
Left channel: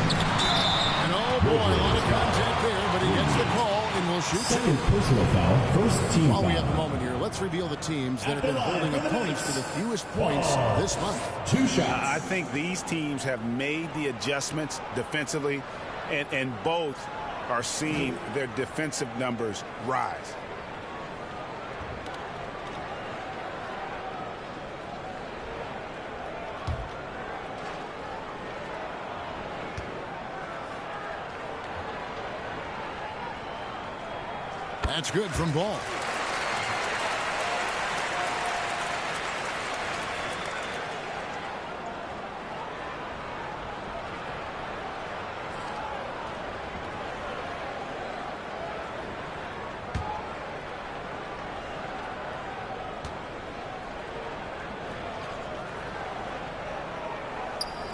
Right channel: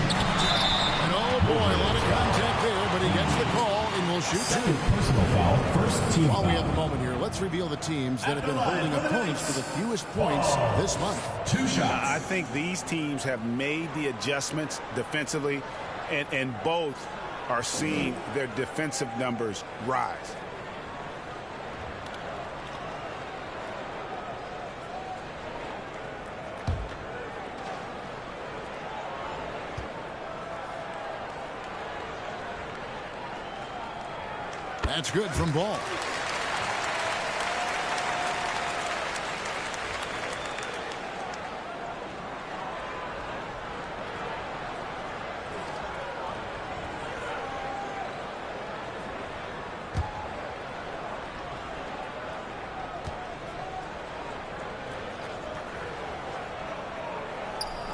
And oh boy, a lot of contact there, but he gets the call and will shoot 2. Second personal foul. First team While foul. we have a moment here, let's reveal the teams that have been holding opponents to the fewest points this month. 2 shots. I think these teams have made the adjustments defensively, and both are seeing their defensive numbers rise. That's good from Ball.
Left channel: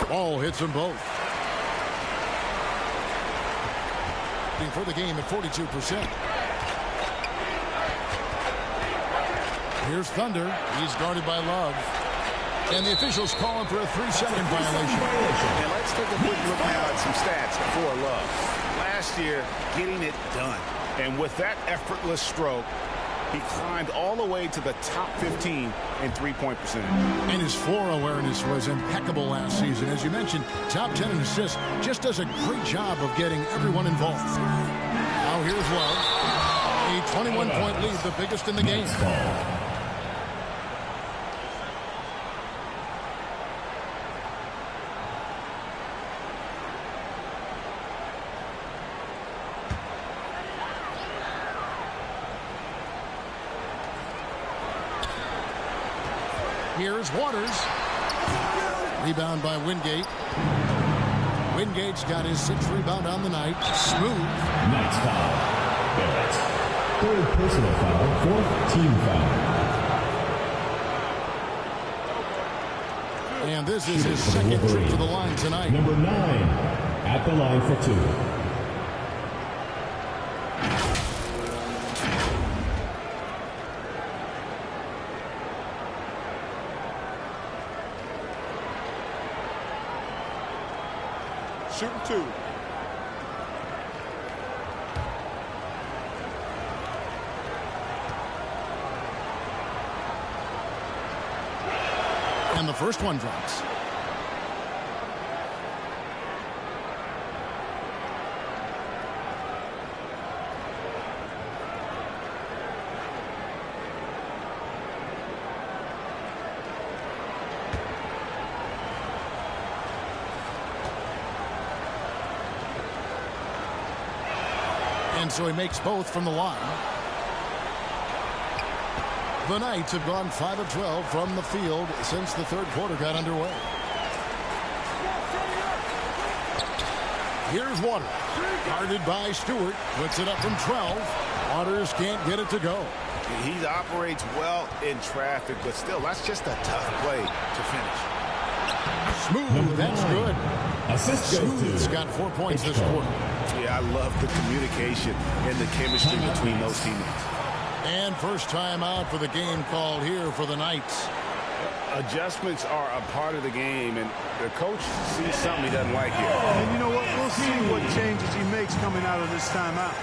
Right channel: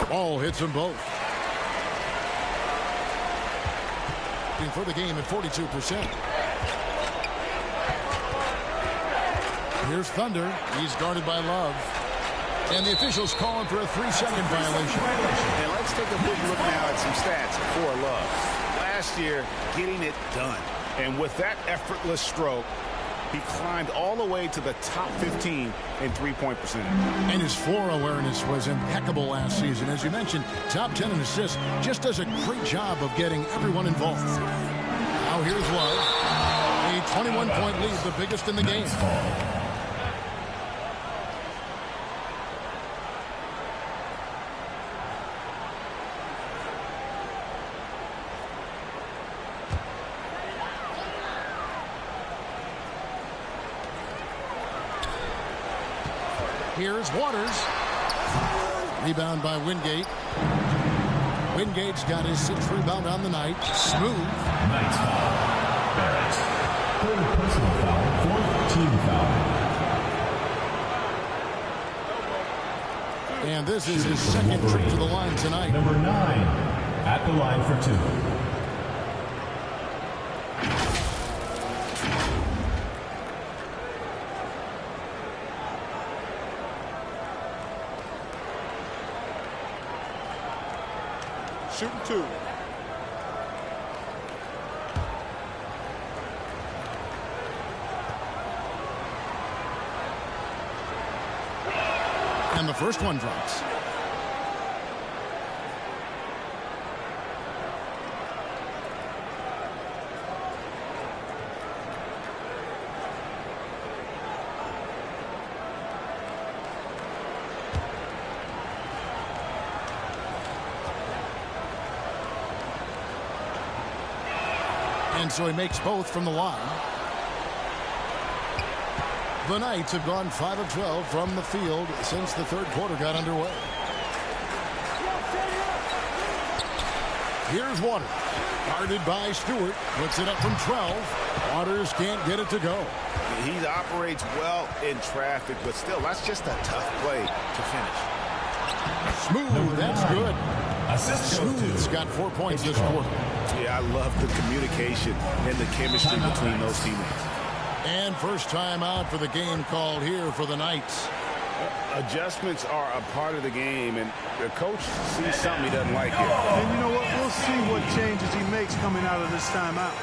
Ball hits them both. For the game at 42%. Here's Thunder. He's guarded by Love. And the officials call him for a 3-second violation. And let's take a quick look now at some stats for Love. Last year, getting it done. And with that effortless stroke, he climbed all the way to the top 15 in three-point percentage. And his floor awareness was impeccable last season. As you mentioned, top 10 in assists. Just does a great job of getting everyone involved. Now here's Love. A 21-point lead, the biggest in the game. Here's Waters. Rebound by Wingate. Wingate's got his 6th rebound on the night. Smooth. Knights foul. Barrett. 3rd personal foul. 4th team foul. And this is his 2nd trip to the line tonight. Number 9 at the line for 2. Shooting 2. And the first one drops. And so he makes both from the line. The Knights have gone 5 of 12 from the field since the 3rd quarter got underway. Here's Waters. Guarded by Stewart. Puts it up from 12. Waters can't get it to go. He operates well in traffic, but still, that's just a tough play to finish. Smooth, that's good. Assist Smooth's got 4 points this quarter. Yeah, I love the communication and the chemistry between those teammates. And first time out for the game called here for the Knights. Adjustments are a part of the game, and the coach sees something he doesn't like here. And you know what? We'll see what changes he makes coming out of this timeout.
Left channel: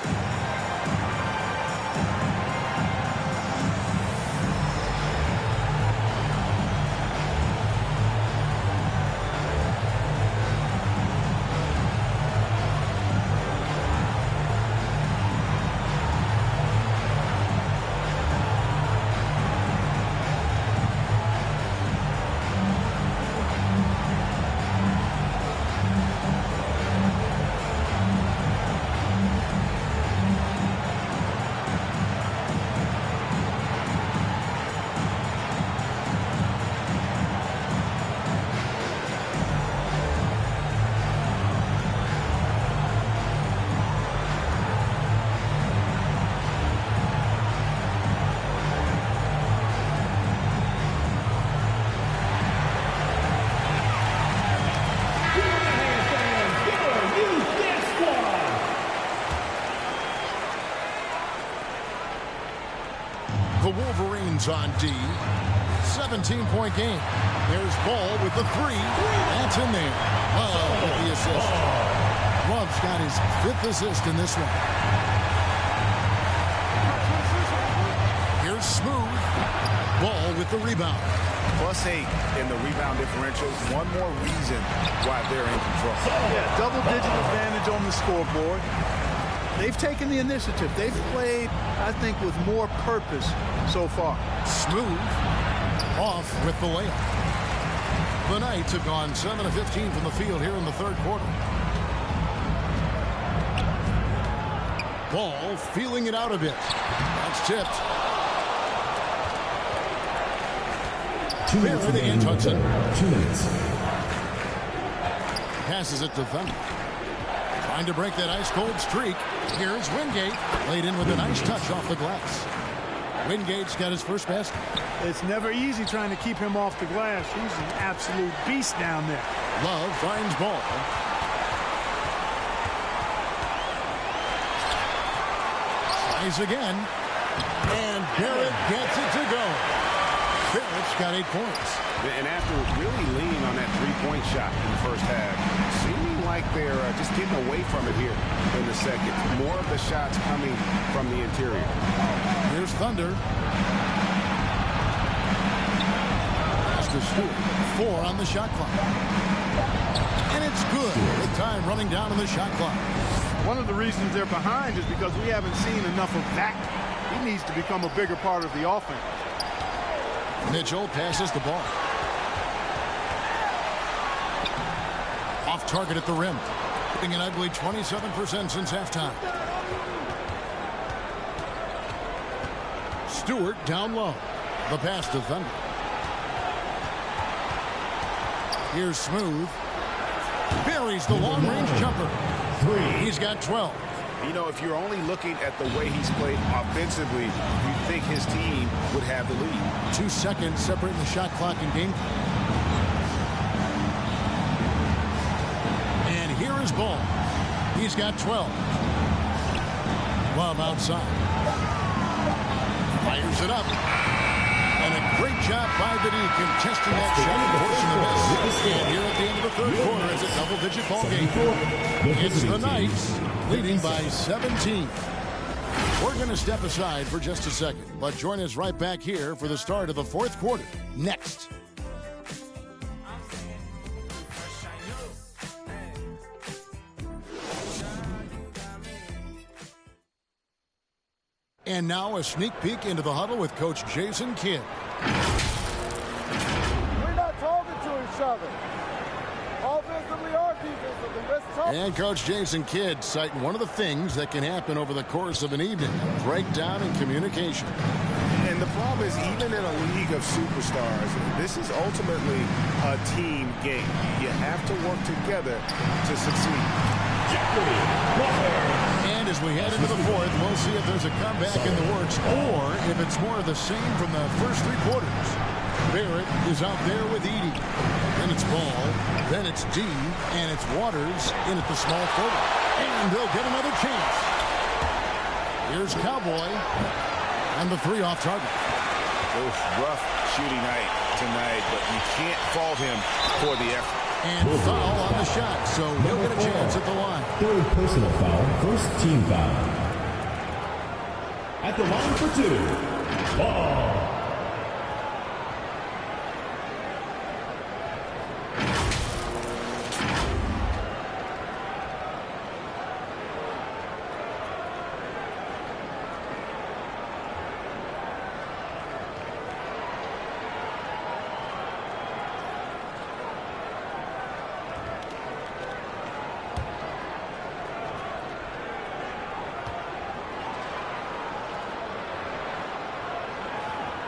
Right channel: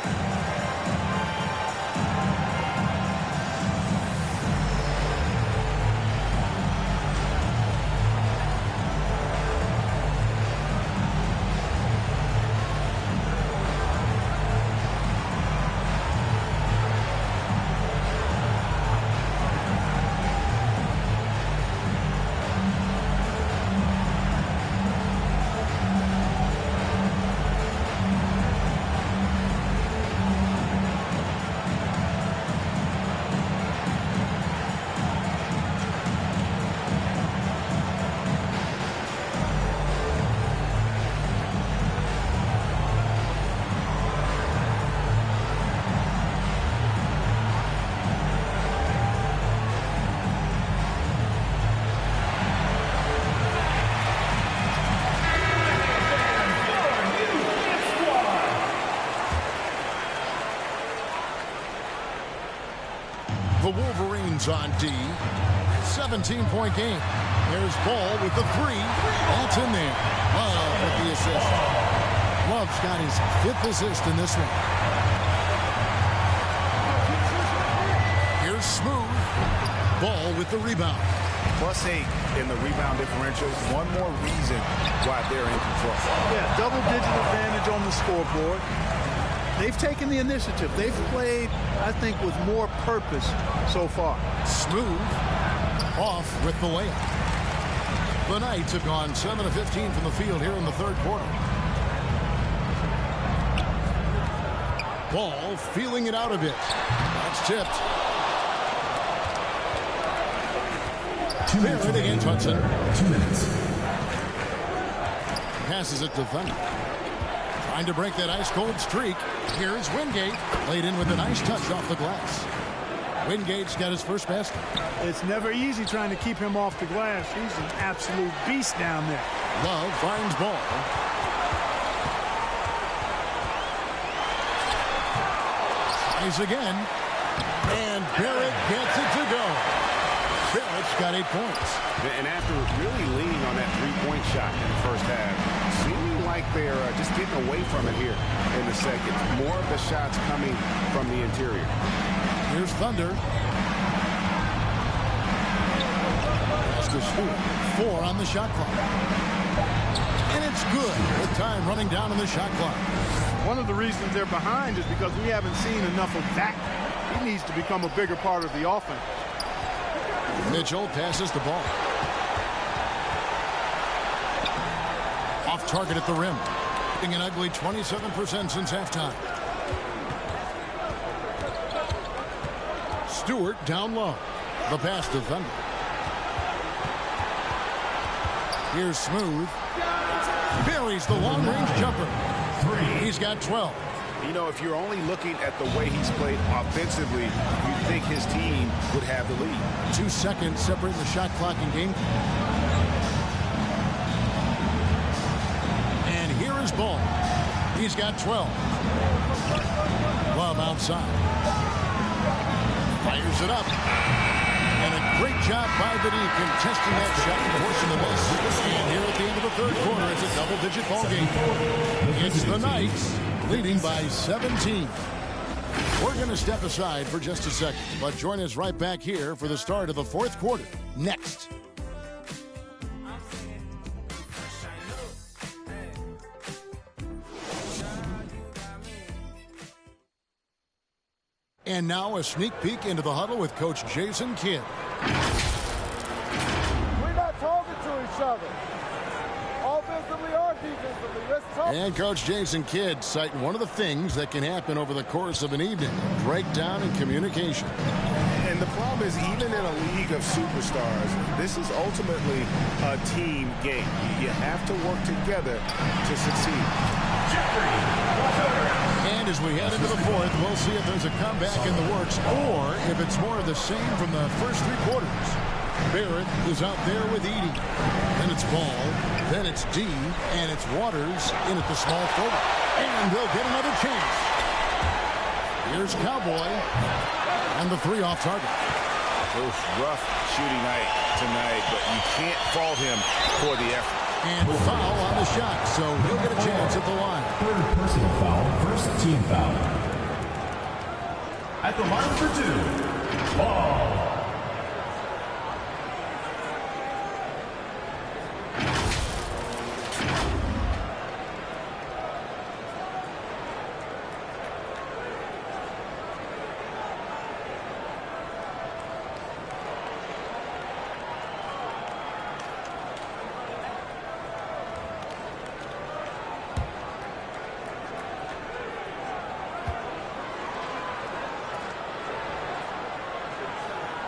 Jones on D. 17-point game. There's Ball with the three. That's in there. Love with the assist. Love's got his 5th assist in this one. Here's Smooth. Ball with the rebound. +8 in the rebound differential. One more reason why they're in control. Yeah, double-digit advantage on the scoreboard. They've taken the initiative. They've played, I think, with more purpose so far. Smooth off with the layup. The Knights have gone 7 of 15 from the field here in the third quarter. Ball feeling it out a bit. That's tipped. Barrett against Hudson. 2 minutes. Passes it to Thunder. Trying to break that ice-cold streak. Here's Wingate. Laid in with a nice touch off the glass. Wingate's got his first basket. It's never easy trying to keep him off the glass. He's an absolute beast down there. Love finds Ball. Tries again. And Barrett gets it to go. Barrett's got 8 points. And after really leaning on that three-point shot in the first half, seeming like they're just getting away from it here in the second. More of the shots coming from the interior. Here's Thunder. Pass to Stewart. 4 on the shot clock. And it's good with time running down on the shot clock. One of the reasons they're behind is because we haven't seen enough of that. He needs to become a bigger part of the offense. Mitchell passes the ball. Off target at the rim. Hitting an ugly 27% since halftime. Stewart down low. The pass to Thunder. Here's Smooth. Buries the long-range jumper. 3. He's got 12. You know, if you're only looking at the way he's played offensively, you'd think his team would have the lead. 2 seconds separating the shot clock and game. And here is Ball. He's got 12. Love outside. Fires it up. And a great job by the D contesting that shot and forcing the miss. And here at the end of the third quarter, it's a double-digit ball game. It's the Knights leading by 17. We're going to step aside for just a second, but join us right back here for the start of the fourth quarter. Next. And now a sneak peek into the huddle with Coach Jason Kidd. We're not talking to each other. Offensively or defensively. Let's talk. And Coach Jason Kidd citing one of the things that can happen over the course of an evening. Breakdown in communication. And the problem is, even in a league of superstars, this is ultimately a team game. You have to work together to succeed. And as we head into the fourth, we'll see if there's a comeback in the works or if it's more of the same from the first 3 quarters. Barrett is out there with Edey. Then it's Ball. Then it's D. And it's Waters in at the small forward. And they'll get another chance. Here's Cowboy. And the 3 off target. Oof, rough shooting night tonight, but you can't fault him for the effort. And foul on the shot, so he'll get a chance at the line. 3rd personal foul, 1st team foul. At the line for 2, Ball.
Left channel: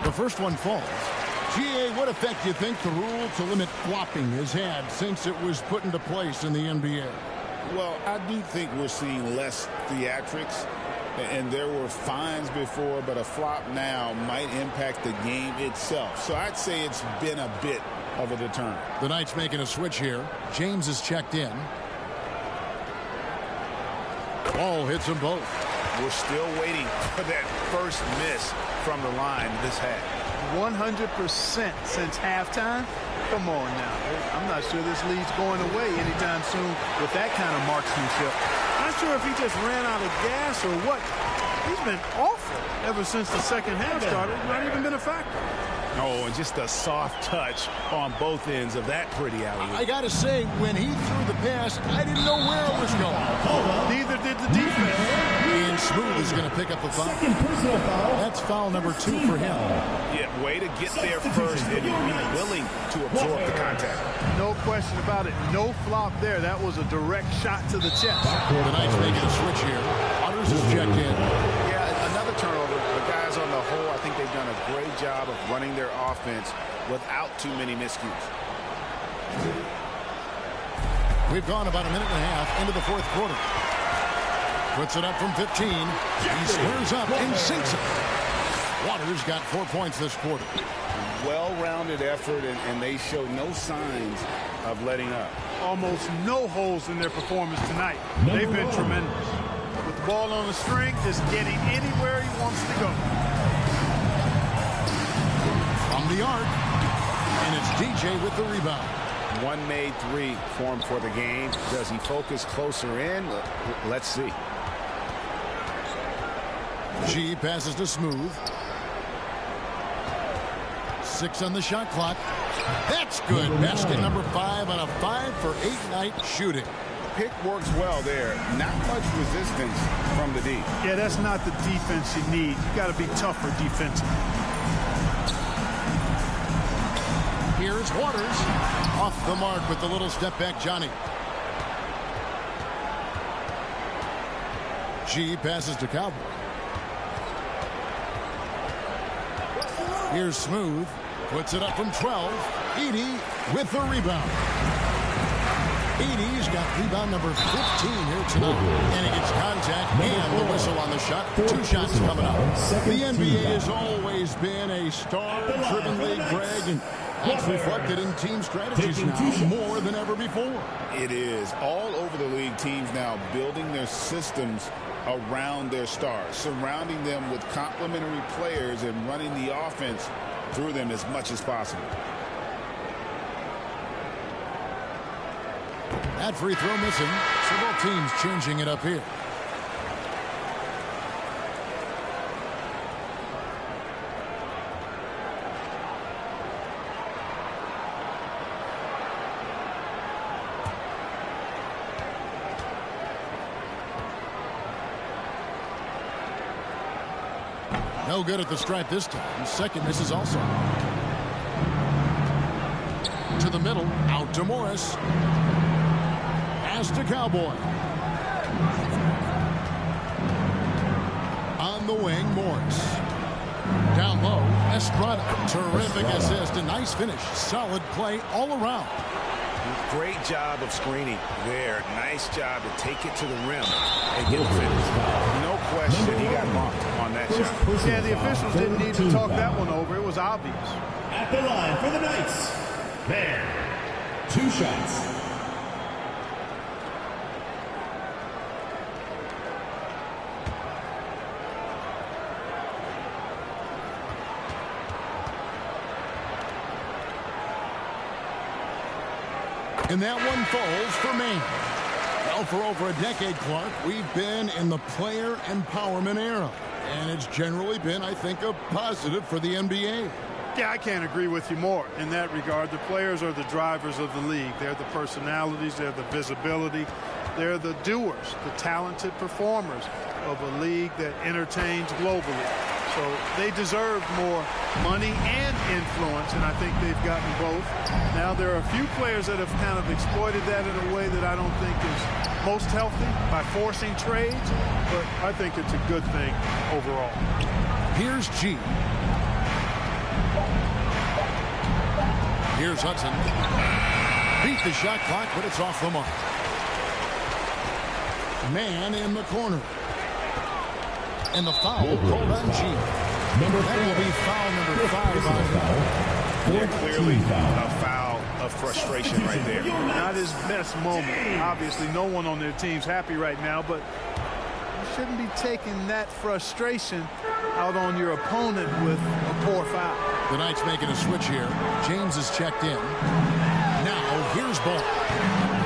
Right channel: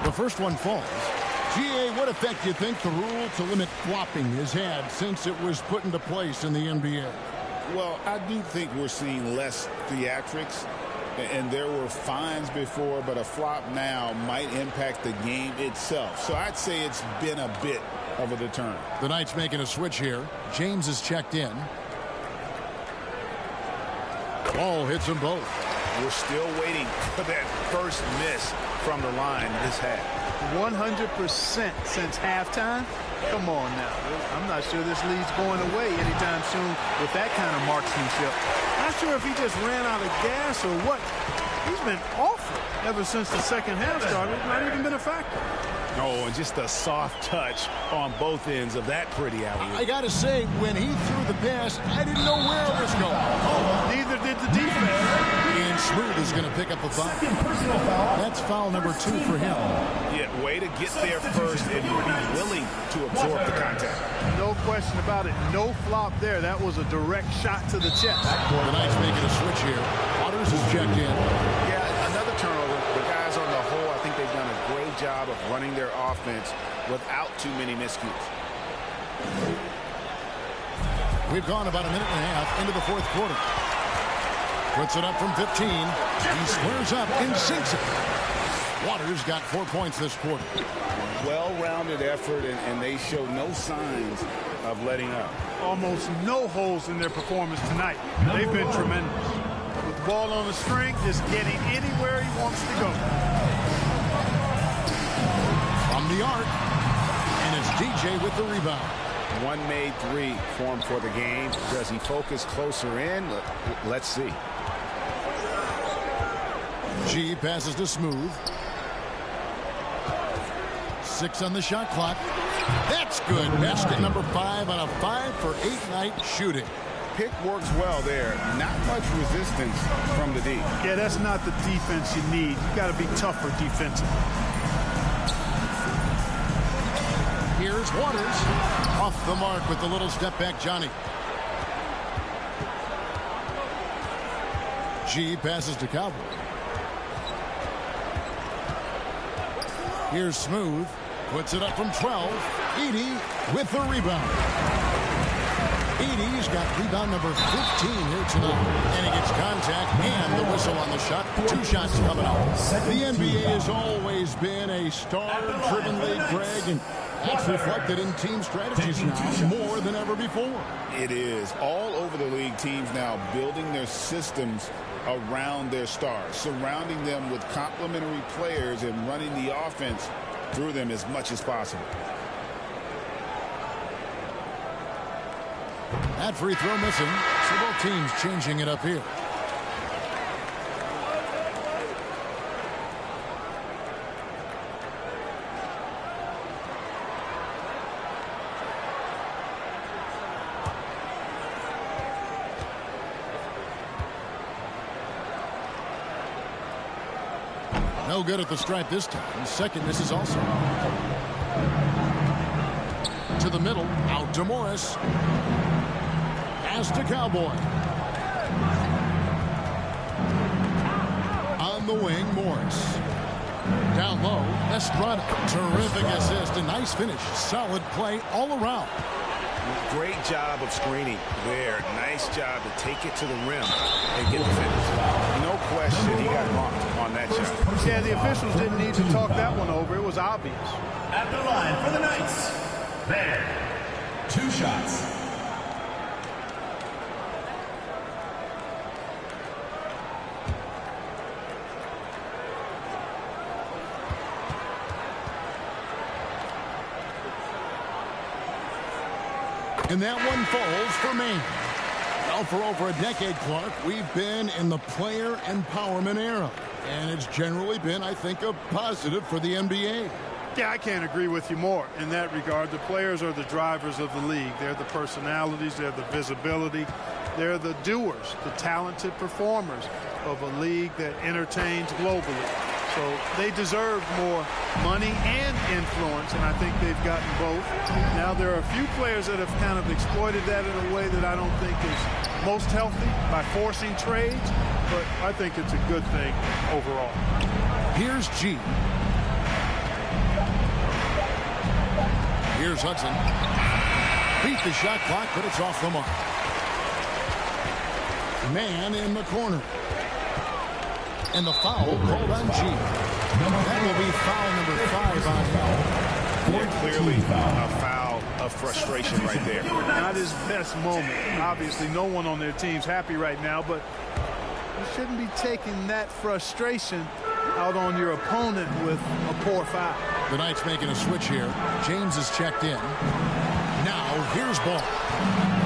The first one falls. GA, what effect do you think the rule to limit flopping has had since it was put into place in the NBA? Well, I do think we're seeing less theatrics, and there were fines before, but a flop now might impact the game itself. So I'd say it's been a bit of a deterrent. The Knights making a switch here. James is checked in. Ball hits them both. We're still waiting for that first miss from the line this half. 100% since halftime. Come on now. I'm not sure this lead's going away anytime soon with that kind of marksmanship. Not sure if he just ran out of gas or what. He's been awful ever since the second half started. Not even been a factor. Oh, and just a soft touch on both ends of that pretty alley-oop. I got to say, when he threw the pass, I didn't know where it was going. Neither did the defense. And Smooth is going to pick up a foul. That's foul number 2 for him. Yeah, way to get there first and be willing to absorb the contact. No question about it. No flop there. That was a direct shot to the chest. The Knights making a switch here. Waters is checked in. Yeah, another turnover. The guys on the whole, I think they've done a great job of running their offense without too many miscues. We've gone about a minute and a half into the fourth quarter. Puts it up from 15. He squares up and sinks it. Waters got 4 points this quarter. Well-rounded effort, and they show no signs of letting up. Almost no holes in their performance tonight. They've been tremendous. With the ball on the string, just getting anywhere he wants to go. From the arc, and it's DJ with the rebound. One made 3 for him for the game. Does he focus closer in? Let's see. G passes to Smooth. 6 on the shot clock. That's good. Basket number 5 on a 5-for-8 night shooting. Pick works well there. Not much resistance from the D. Yeah, that's not the defense you need. You got to be tougher defensively. Here's Waters. Off the mark with the little step back, Johnny. G passes to Cowboy. Here's Smooth. Puts it up from 12. Edey with the rebound. Edey's got rebound number 15 here tonight. And he gets contact and the whistle on the shot. 2 shots coming up. The NBA has always been a star-driven league, Greg, and that's reflected in team strategies now more than ever before. It is. All over the league, teams now building their systems around their stars, surrounding them with complementary players and running the offense through them as much as possible. That free throw missing, so both teams changing it up here. No good at the stripe this time. Second misses also. To the middle, out to Morris. Pass to Cowboy. On the wing, Morris. Down low, Estrada. Terrific assist, a nice finish. Solid play all around. Great job of screening there. Nice job to take it to the rim and get the finish. No question he got bumped on that shot. Yeah, the officials didn't need to talk that one over. It was obvious. At the line for the Knights, there. 2 shots. And that one falls for Maine. Well, for over a decade, Clark, we've been in the player empowerment era. And it's generally been, I think, a positive for the NBA. Yeah, I can't agree with you more in that regard. The players are the drivers of the league. They're the personalities. They're the visibility. They're the doers, the talented performers of a league that entertains globally. So they deserve more money and influence, and I think they've gotten both. Now, there are a few players that have kind of exploited that in a way that I don't think is most healthy by forcing trades, but I think it's a good thing overall. Here's G. Here's Hudson. Beat the shot clock, but it's off the mark. Man in the corner. And the foul called on G. That will be foul number 5 on him. Yeah, clearly a foul of frustration right there. Not his best moment. Obviously, no one on their team's happy right now, but you shouldn't be taking that frustration out on your opponent with a poor foul. The Knights making a switch here. James is checked in. Now, here's ball.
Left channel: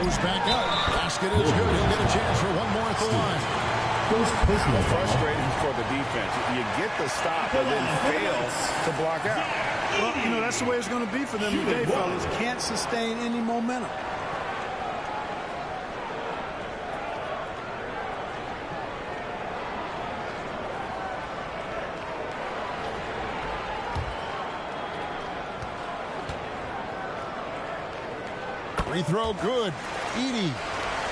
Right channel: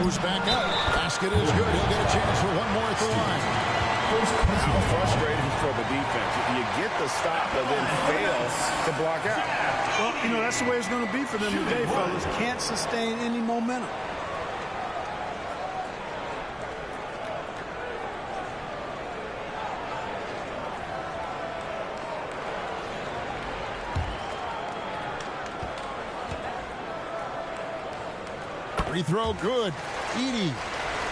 Goes back up. Basket is good. He'll get a chance for one more at the line. How frustrating for the defense. You get the stop, but then fail to block out. Well, you know, that's the way it's going to be for them today, fellas. Can't sustain any momentum. Free throw good. Edey.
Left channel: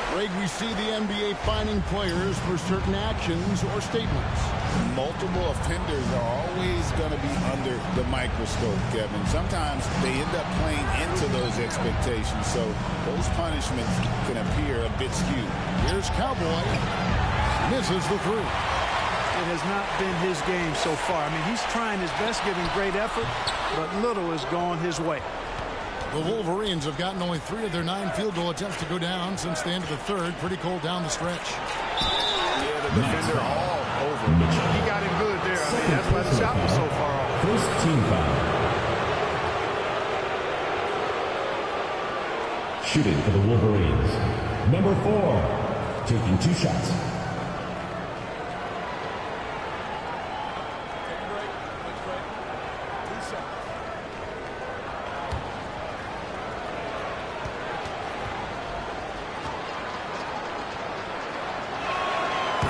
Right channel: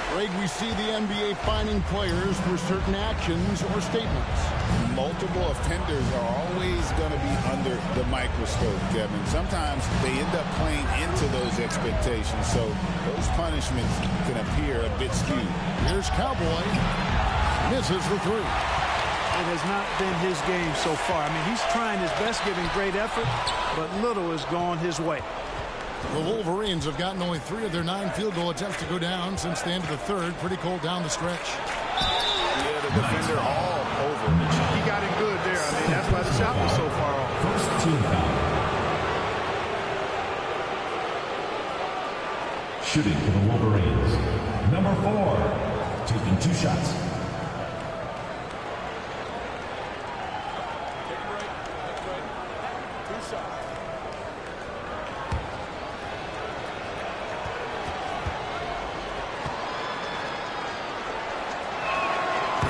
Greg, we see the NBA fining players for certain actions or statements. Multiple offenders are always going to be under the microscope, Kevin. Sometimes they end up playing into those expectations, so those punishments can appear a bit skewed. Here's Cowboy. Misses the three. It has not been his game so far. I mean, he's trying his best, giving great effort, but little has gone his way. The Wolverines have gotten only 3 of their 9 field goal attempts to go down since the end of the third. Pretty cold down the stretch. Yeah, the defender all over. He got him good there. I mean, that's why the shot was so far off. First team foul. Shooting for the Wolverines. Number 4, taking 2 shots. Take a break. 2 shots.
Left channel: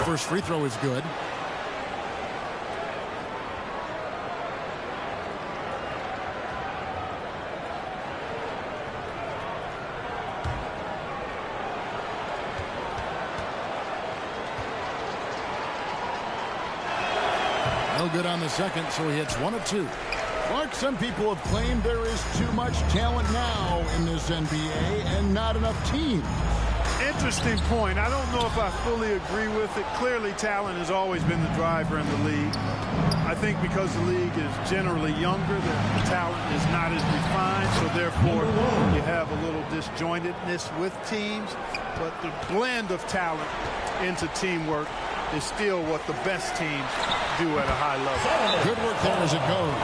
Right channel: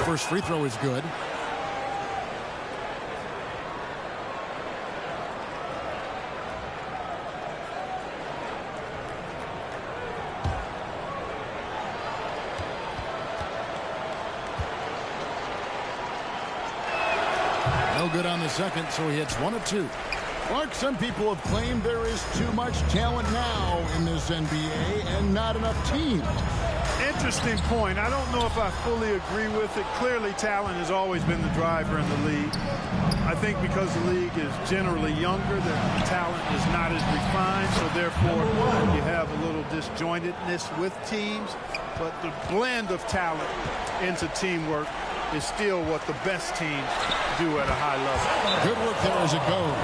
First free throw is good. No good on the second, so he hits 1 of 2. Mark, some people have claimed there is too much talent now in this NBA and not enough teams. Interesting point. I don't know if I fully agree with it. Clearly, talent has always been the driver in the league. I think because the league is generally younger, the talent is not as refined, so therefore you have a little disjointedness with teams. But the blend of talent into teamwork is still what the best teams do at a high level. Good work there as it goes.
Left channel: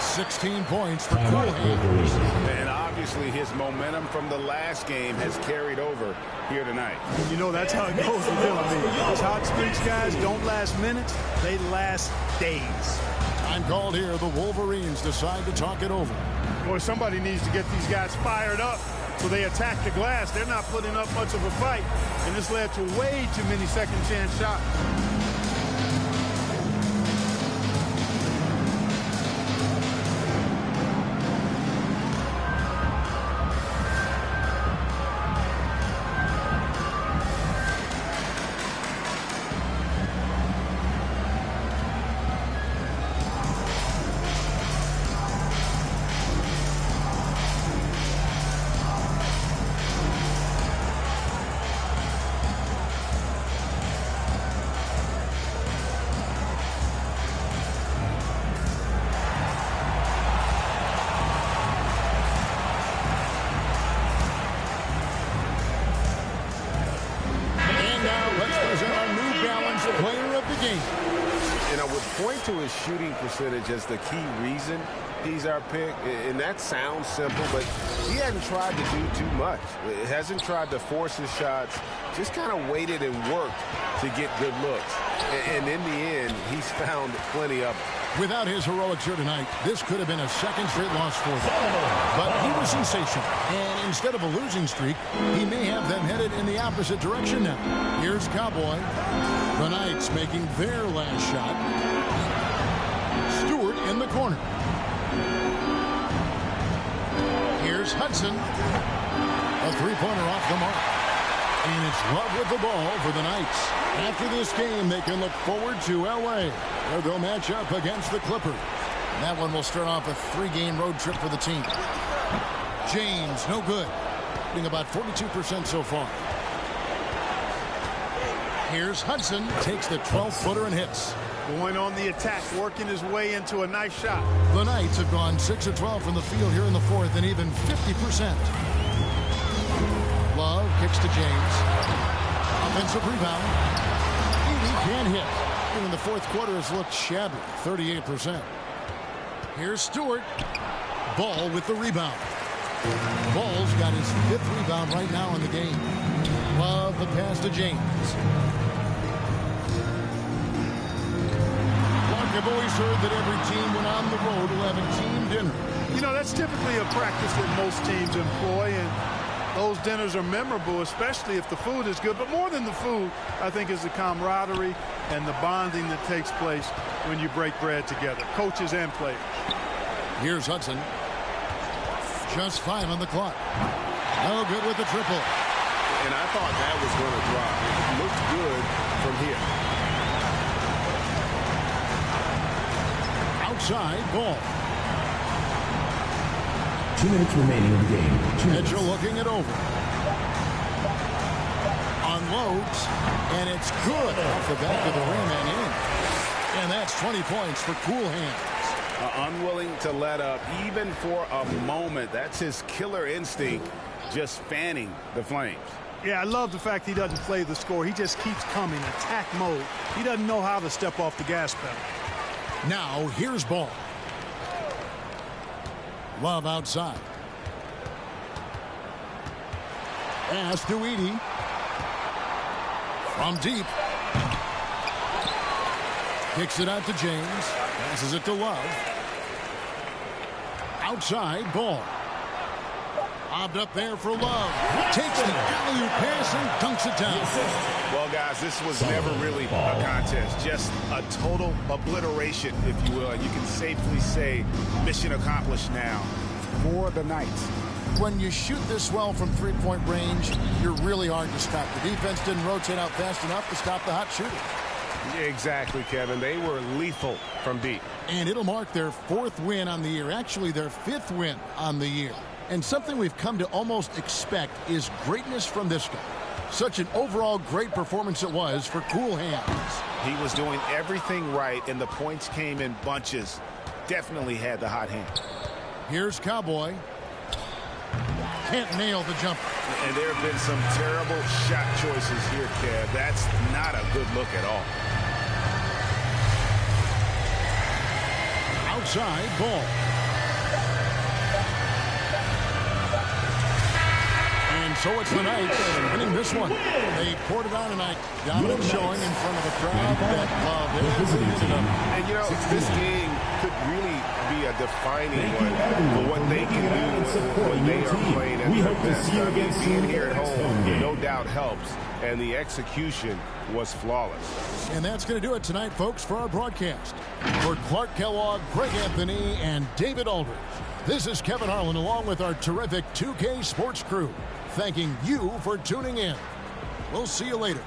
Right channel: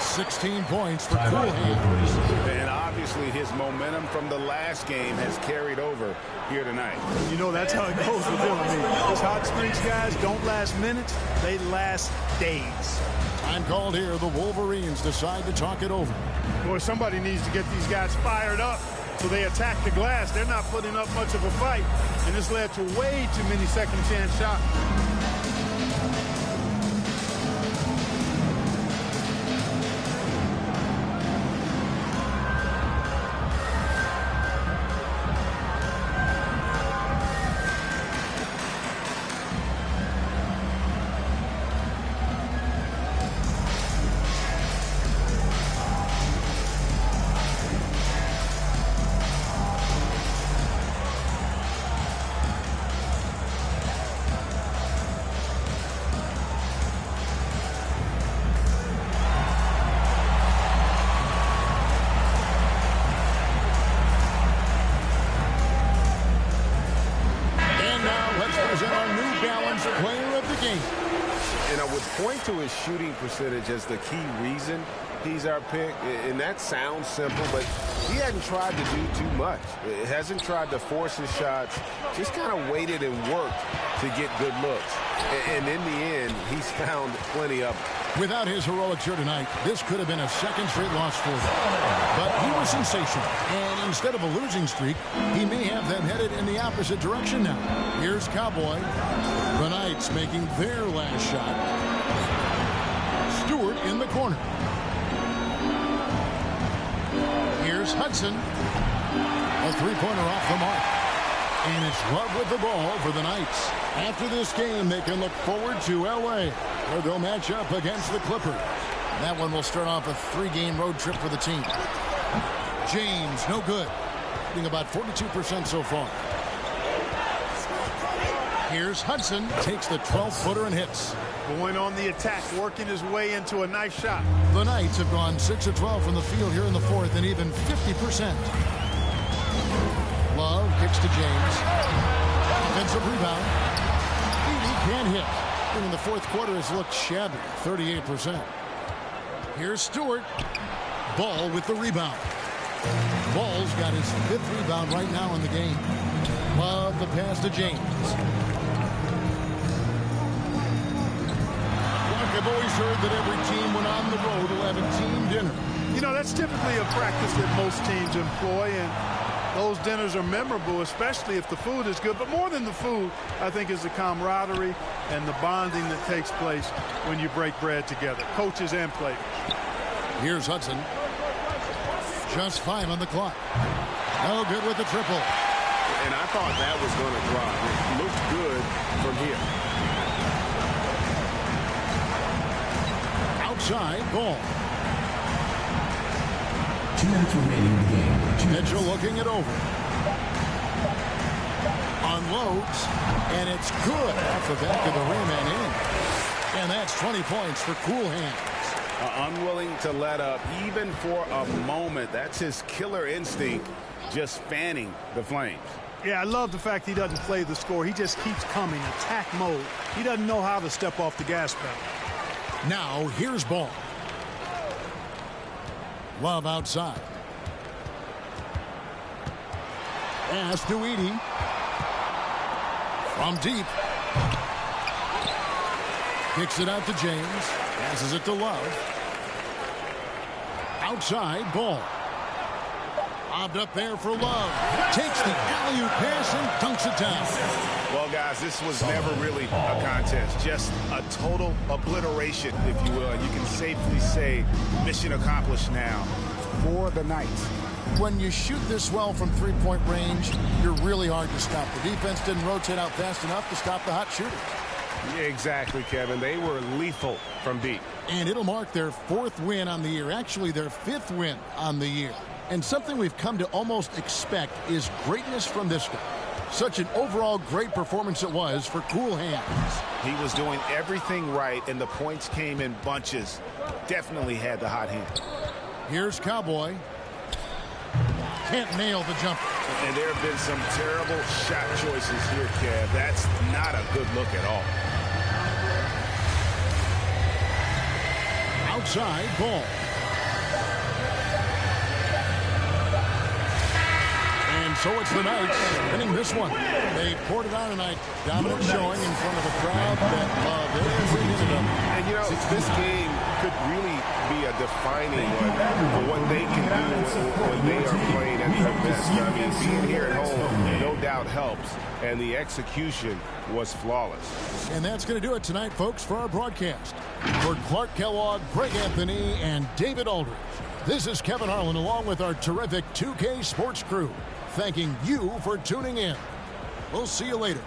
16 points for Cool Hands. And obviously his momentum from the last game has carried over here tonight. You know, that's how it goes with him. I mean, those hot streaks, guys, don't last minutes. They last days. Time called here. The Wolverines decide to talk it over. Boy, somebody needs to get these guys fired up so they attack the glass. They're not putting up much of a fight, and this led to way too many second chance shots. Player of the game. And I would point to his shooting percentage as the key reason he's our pick. And that sounds simple, but he hadn't tried to do too much. It hasn't tried to force his shots, just kind of waited and worked to get good looks. And in the end, he's found plenty of them. Without his heroics here tonight, this could have been a second straight loss for them. But he was sensational. And instead of a losing streak, he may have them headed in the opposite direction now. Here's Cowboy. The Knights making their last shot. Stewart in the corner. Here's Hudson. A three-pointer off the mark. And it's Love with the ball for the Knights. After this game, they can look forward to L.A., where they'll match up against the Clippers. And that one will start off a 3-game road trip for the team. James, no good. Being about 42% so far. Here's Hudson. Takes the 12-footer and hits. Going on the attack, working his way into a nice shot. The Knights have gone 6 of 12 from the field here in the fourth and even 50%. Love kicks to James. Offensive rebound. Edey can't hit. In the fourth quarter has looked shabby, 38%. Here's Stewart. Ball with the rebound. Ball's got his 5th rebound right now in the game. Love the pass to James. Clark, I've always heard that every team when on the road will have a team dinner. You know, that's typically a practice that most teams employ, and those dinners are memorable, especially if the food is good. But more than the food, I think, is the camaraderie and the bonding that takes place when you break bread together, coaches and players. Here's Hudson. Just 5 on the clock. No good with the triple. And I thought that was going to drop. It looked good from here. Outside ball. 2 minutes remaining in the game. Mitchell looking it over. Unloads, and it's good off the back of the rim and in. And that's 20 points for Cool Hands. Unwilling to let up even for a moment. That's his killer instinct, just fanning the flames. Yeah, I love the fact he doesn't play the score. He just keeps coming, attack mode. He doesn't know how to step off the gas pedal. Now here's ball. Love outside. Pass to Edey. From deep. Kicks it out to James. Passes it to Love. Outside ball. Lobbed up there for Love. Takes the alley-oop pass and dunks it down. Well, guys, this was never really a contest. Just a total obliteration, if you will. And you can safely say mission accomplished now for the Knights. When you shoot this well from three-point range, you're really hard to stop. The defense didn't rotate out fast enough to stop the hot shooters. Exactly, Kevin. They were lethal from deep. And it'll mark their 4th win on the year. Actually, their 5th win on the year. And something we've come to almost expect is greatness from this guy. Such an overall great performance it was for Cool Hands. He was doing everything right, and the points came in bunches. Definitely had the hot hand. Here's Cowboy. Can't nail the jumper. And there have been some terrible shot choices here, Kev. That's not a good look at all. Outside ball. And so it's the Knights winning this one. They poured it on tonight. Dominant showing in front of a crowd that loved every minute of it. And, you know, this game could really be a defining one for what they can do when they are playing at their best. I mean, being here at home no doubt helps, and the execution was flawless. And that's going to do it tonight, folks, for our broadcast. For Clark Kellogg, Greg Anthony, and David Aldridge, this is Kevin Harlan along with our terrific 2K Sports crew, thanking you for tuning in. We'll see you later.